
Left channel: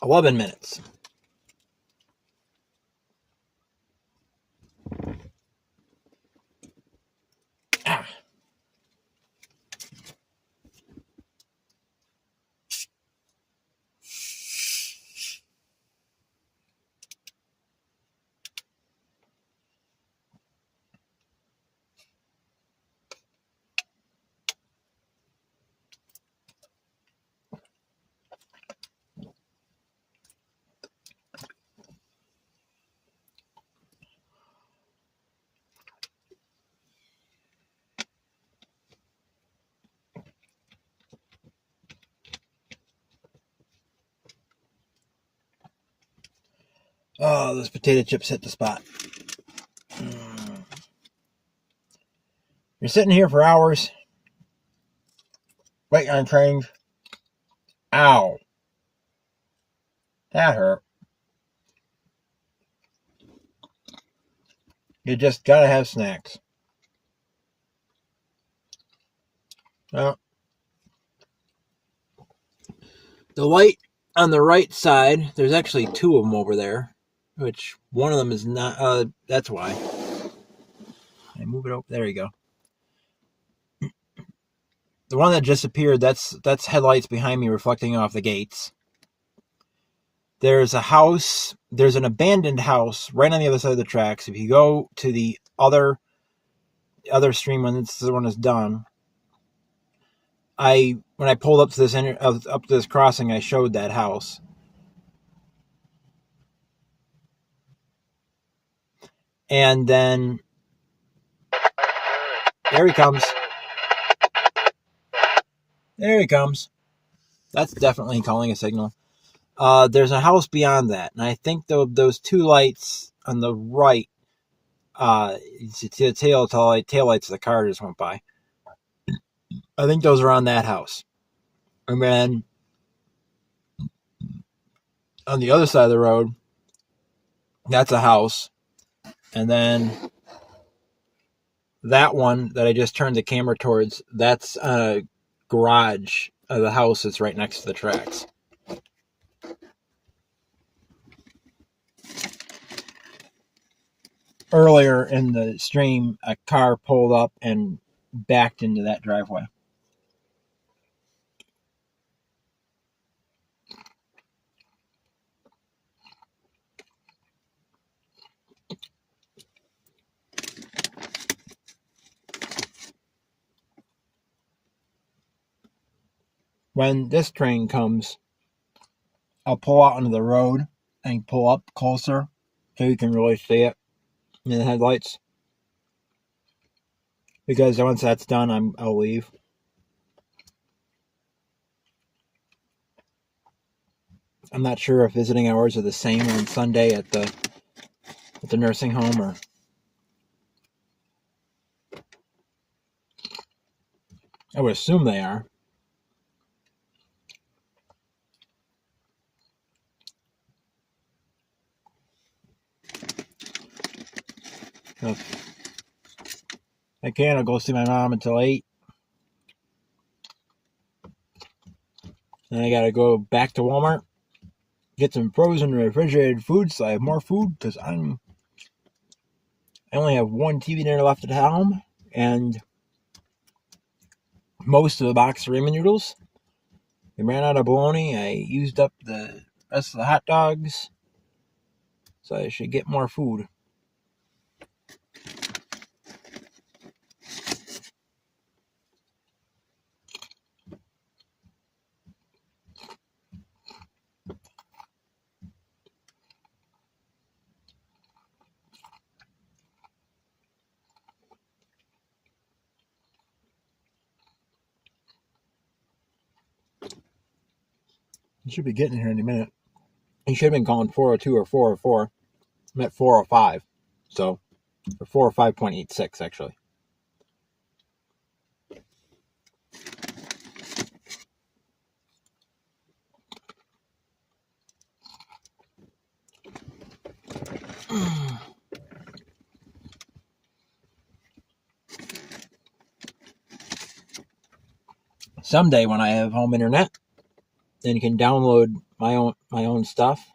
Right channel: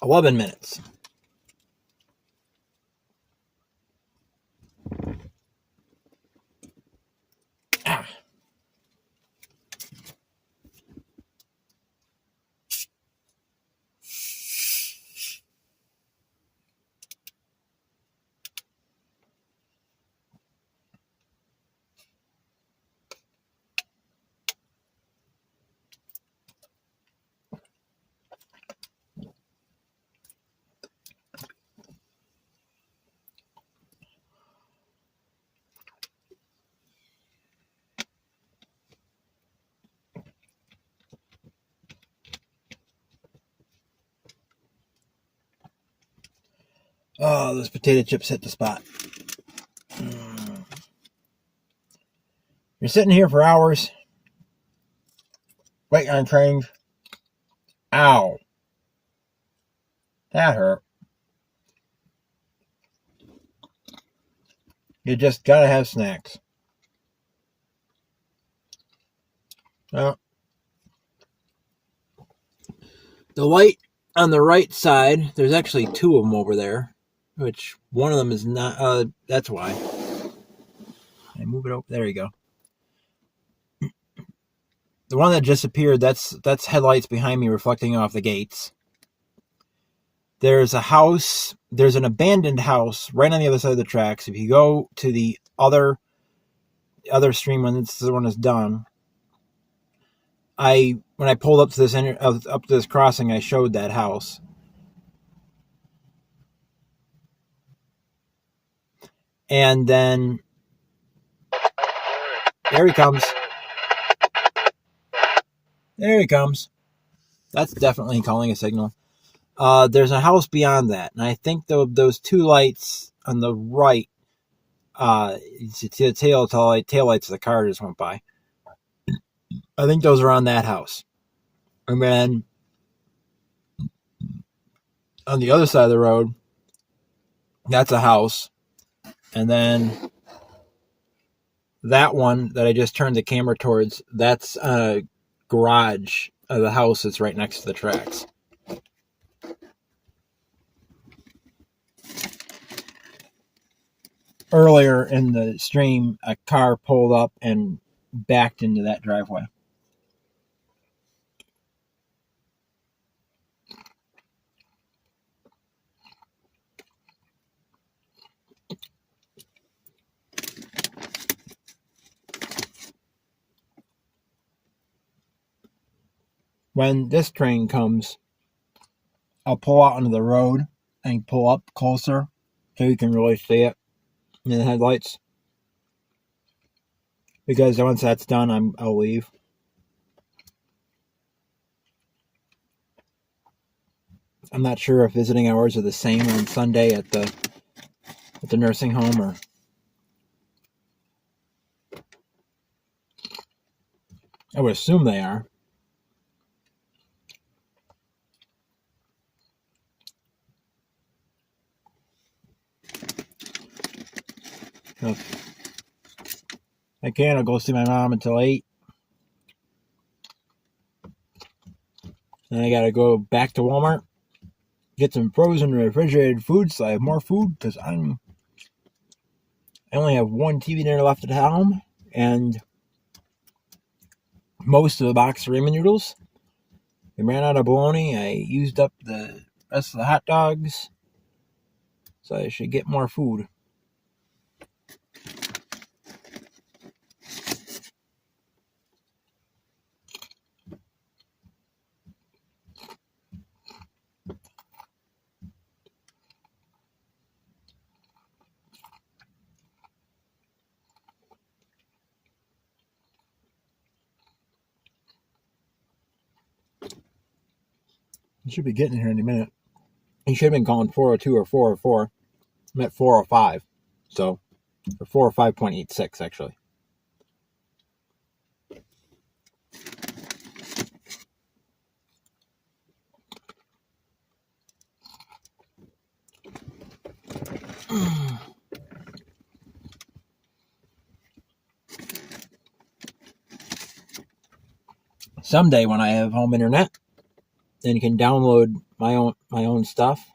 $11 minutes. Ah. Oh, those potato chips hit the spot. You're sitting here for hours, waiting on trains. Ow. That hurt. You just gotta have snacks. Well, the light on the right side, there's actually two of them over there, which one of them is not, that's why. And move it over, there you go. The one that just appeared, that's headlights behind me reflecting off the gates. There's a house, there's an abandoned house right on the other side of the tracks. If you go to the other stream when this one is done, when I pulled up to this crossing, I showed that house. And then there he comes. There he comes. That's definitely calling a signal. There's a house beyond that, and I think those two lights on the right, it's the tail lights of the car just went by. I think those are on that house. And then on the other side of the road, that's a house. And then that one that I just turned the camera towards, that's a garage of the house that's right next to the tracks. Earlier in the stream, a car pulled up and backed into that driveway. When this train comes, I'll pull out onto the road and pull up closer so you can really see it in the headlights. Because once that's done, I'll leave. I'm not sure if visiting hours are the same on Sunday at the at the nursing home, or I would assume they are. If I can, I'll go see my mom until 8. Then I gotta go back to Walmart, get some frozen refrigerated food so I have more food, because I only have one TV dinner left at home, and most of the box of ramen noodles. I ran out of bologna. I used up the rest of the hot dogs, so I should get more food. I should be getting here in a minute. He should have been calling 402 or 404. I'm at 405. So, or 405.86 actually. Someday when I have home internet, then you can download my own stuff.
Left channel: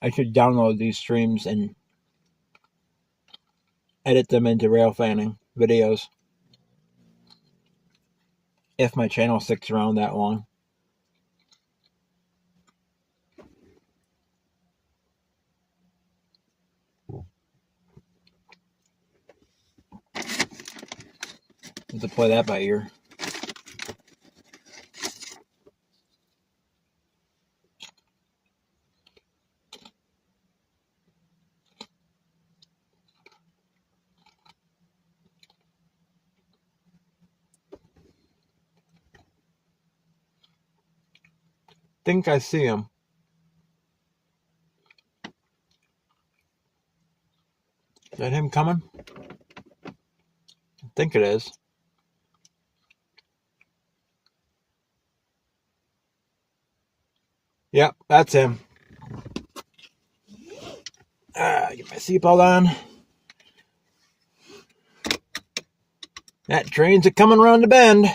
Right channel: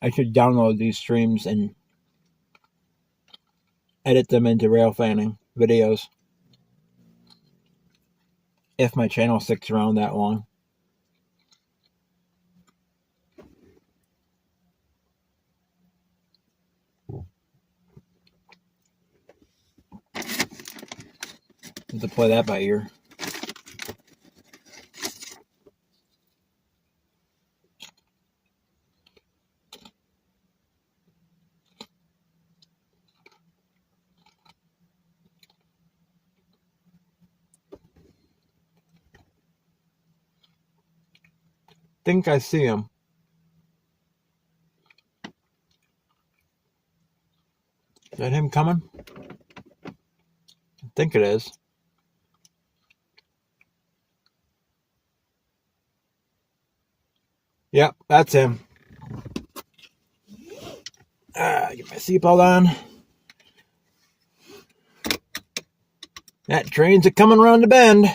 I should download these streams and edit them into Railfanning videos. If my channel sticks around that long. Have to play that by ear. Think I see him. Is that him coming? I think it is. Yep, that's him. Get my seatbelt on. That train's a coming around the bend.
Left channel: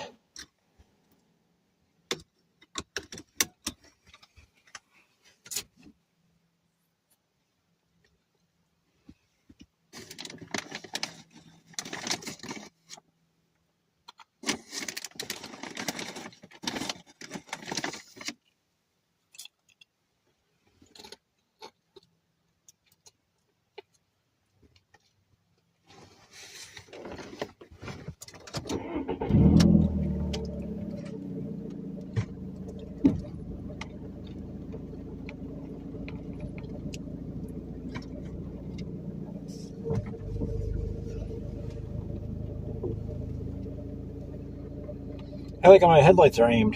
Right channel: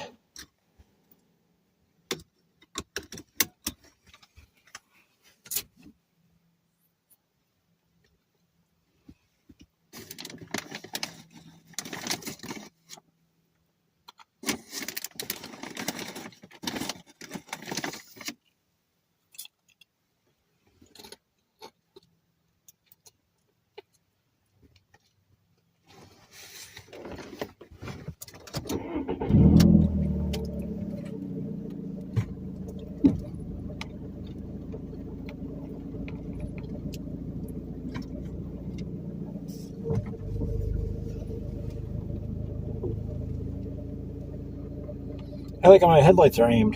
I like how my headlights are aimed.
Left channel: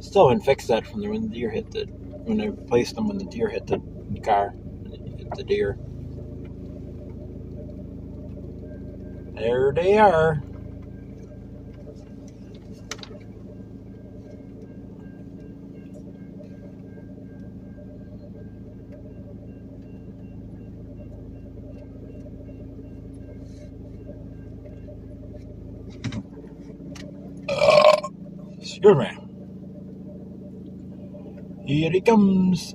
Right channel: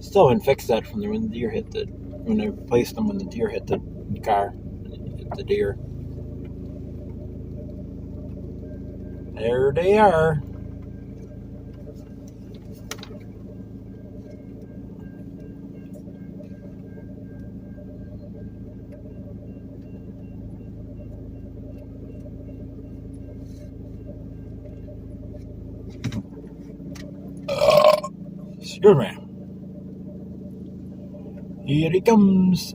Still haven't fixed that from when the deer hit when I replaced them when the deer hit the car. Hit the deer. There they are. Excuse me. Here he comes.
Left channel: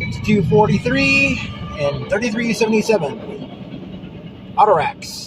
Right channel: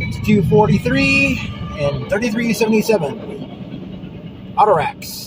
It's 243 and 3377. Autoracks.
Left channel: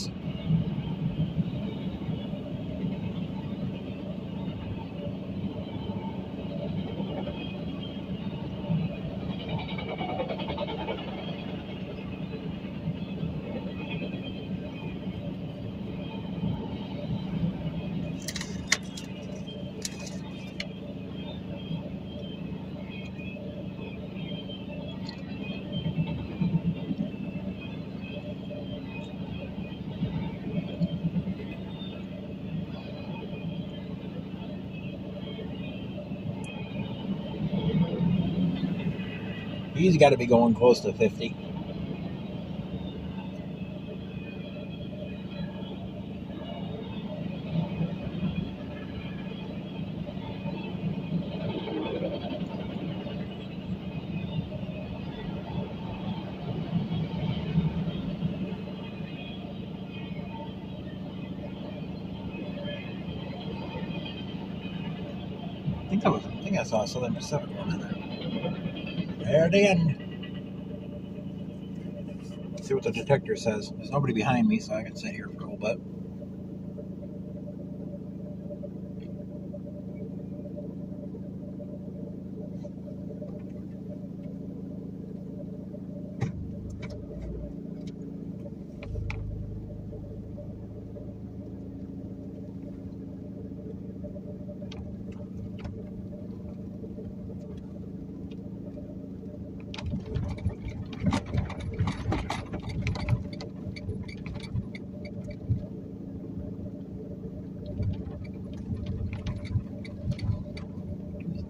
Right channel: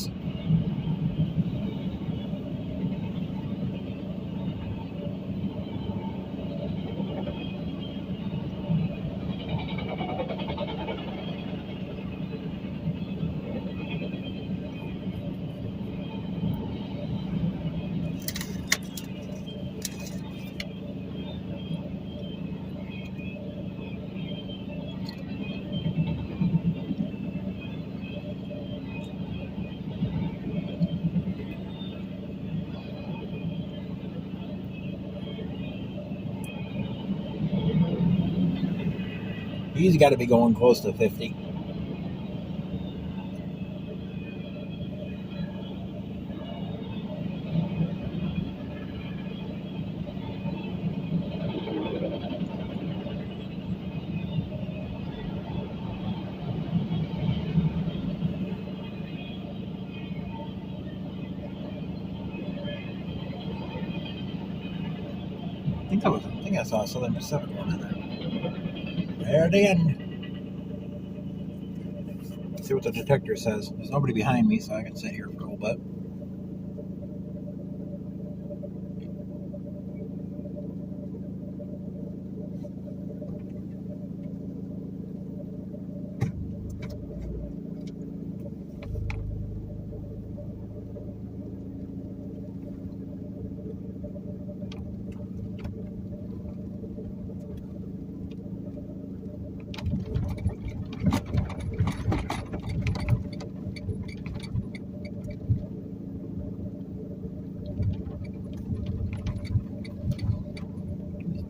He's got to be going close to 50. I think I saw a Southern Pacific one in there. There at the end. Let's see what the detector says. There's nobody behind me, so I can sit here for a little bit.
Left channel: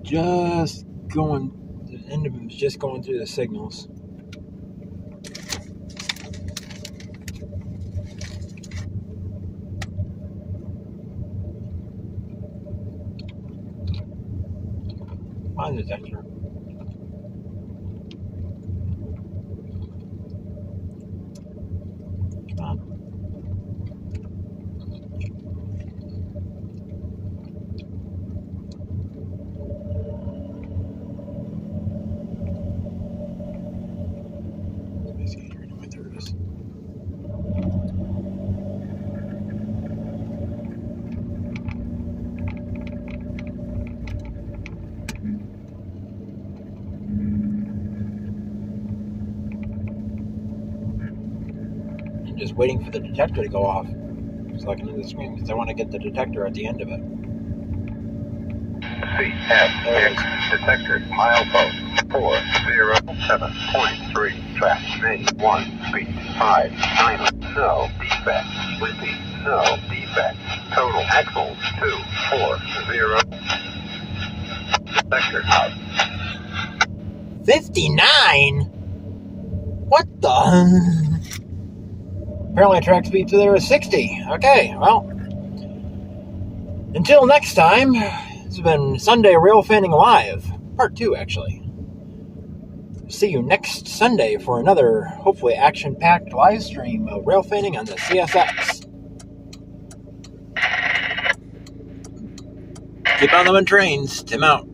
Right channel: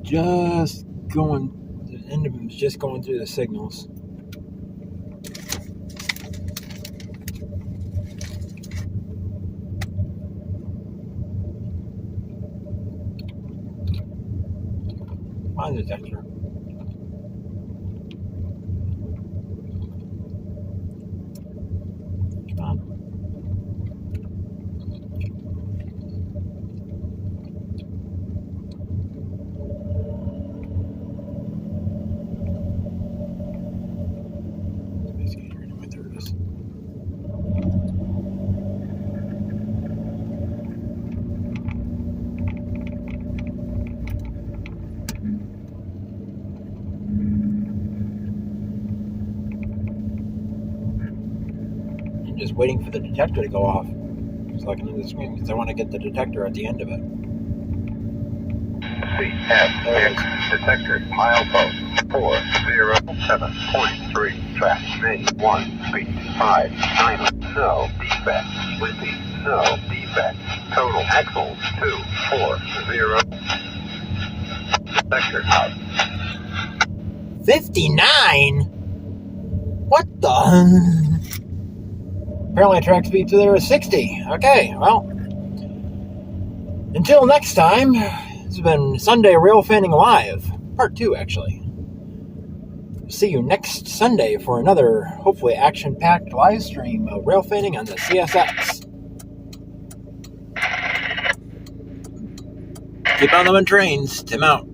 Just going, the end of him is just going through the signals. On the detector. Come on. Just waiting for the detector to go off so I can do the screen because I want to get the detector at the end of it. CFX detector milepost 407.3 track May 1 speed 590 no defects repeat no defects total axles 240 detector out 59? What the? Apparently track speed to there is 60. Okay, well, until next time, this has been Sunday Railfanning Live, part 2 actually. See you next Sunday for another, hopefully action-packed live stream of Railfanning on the CSX. Keep on them trains, Tim out.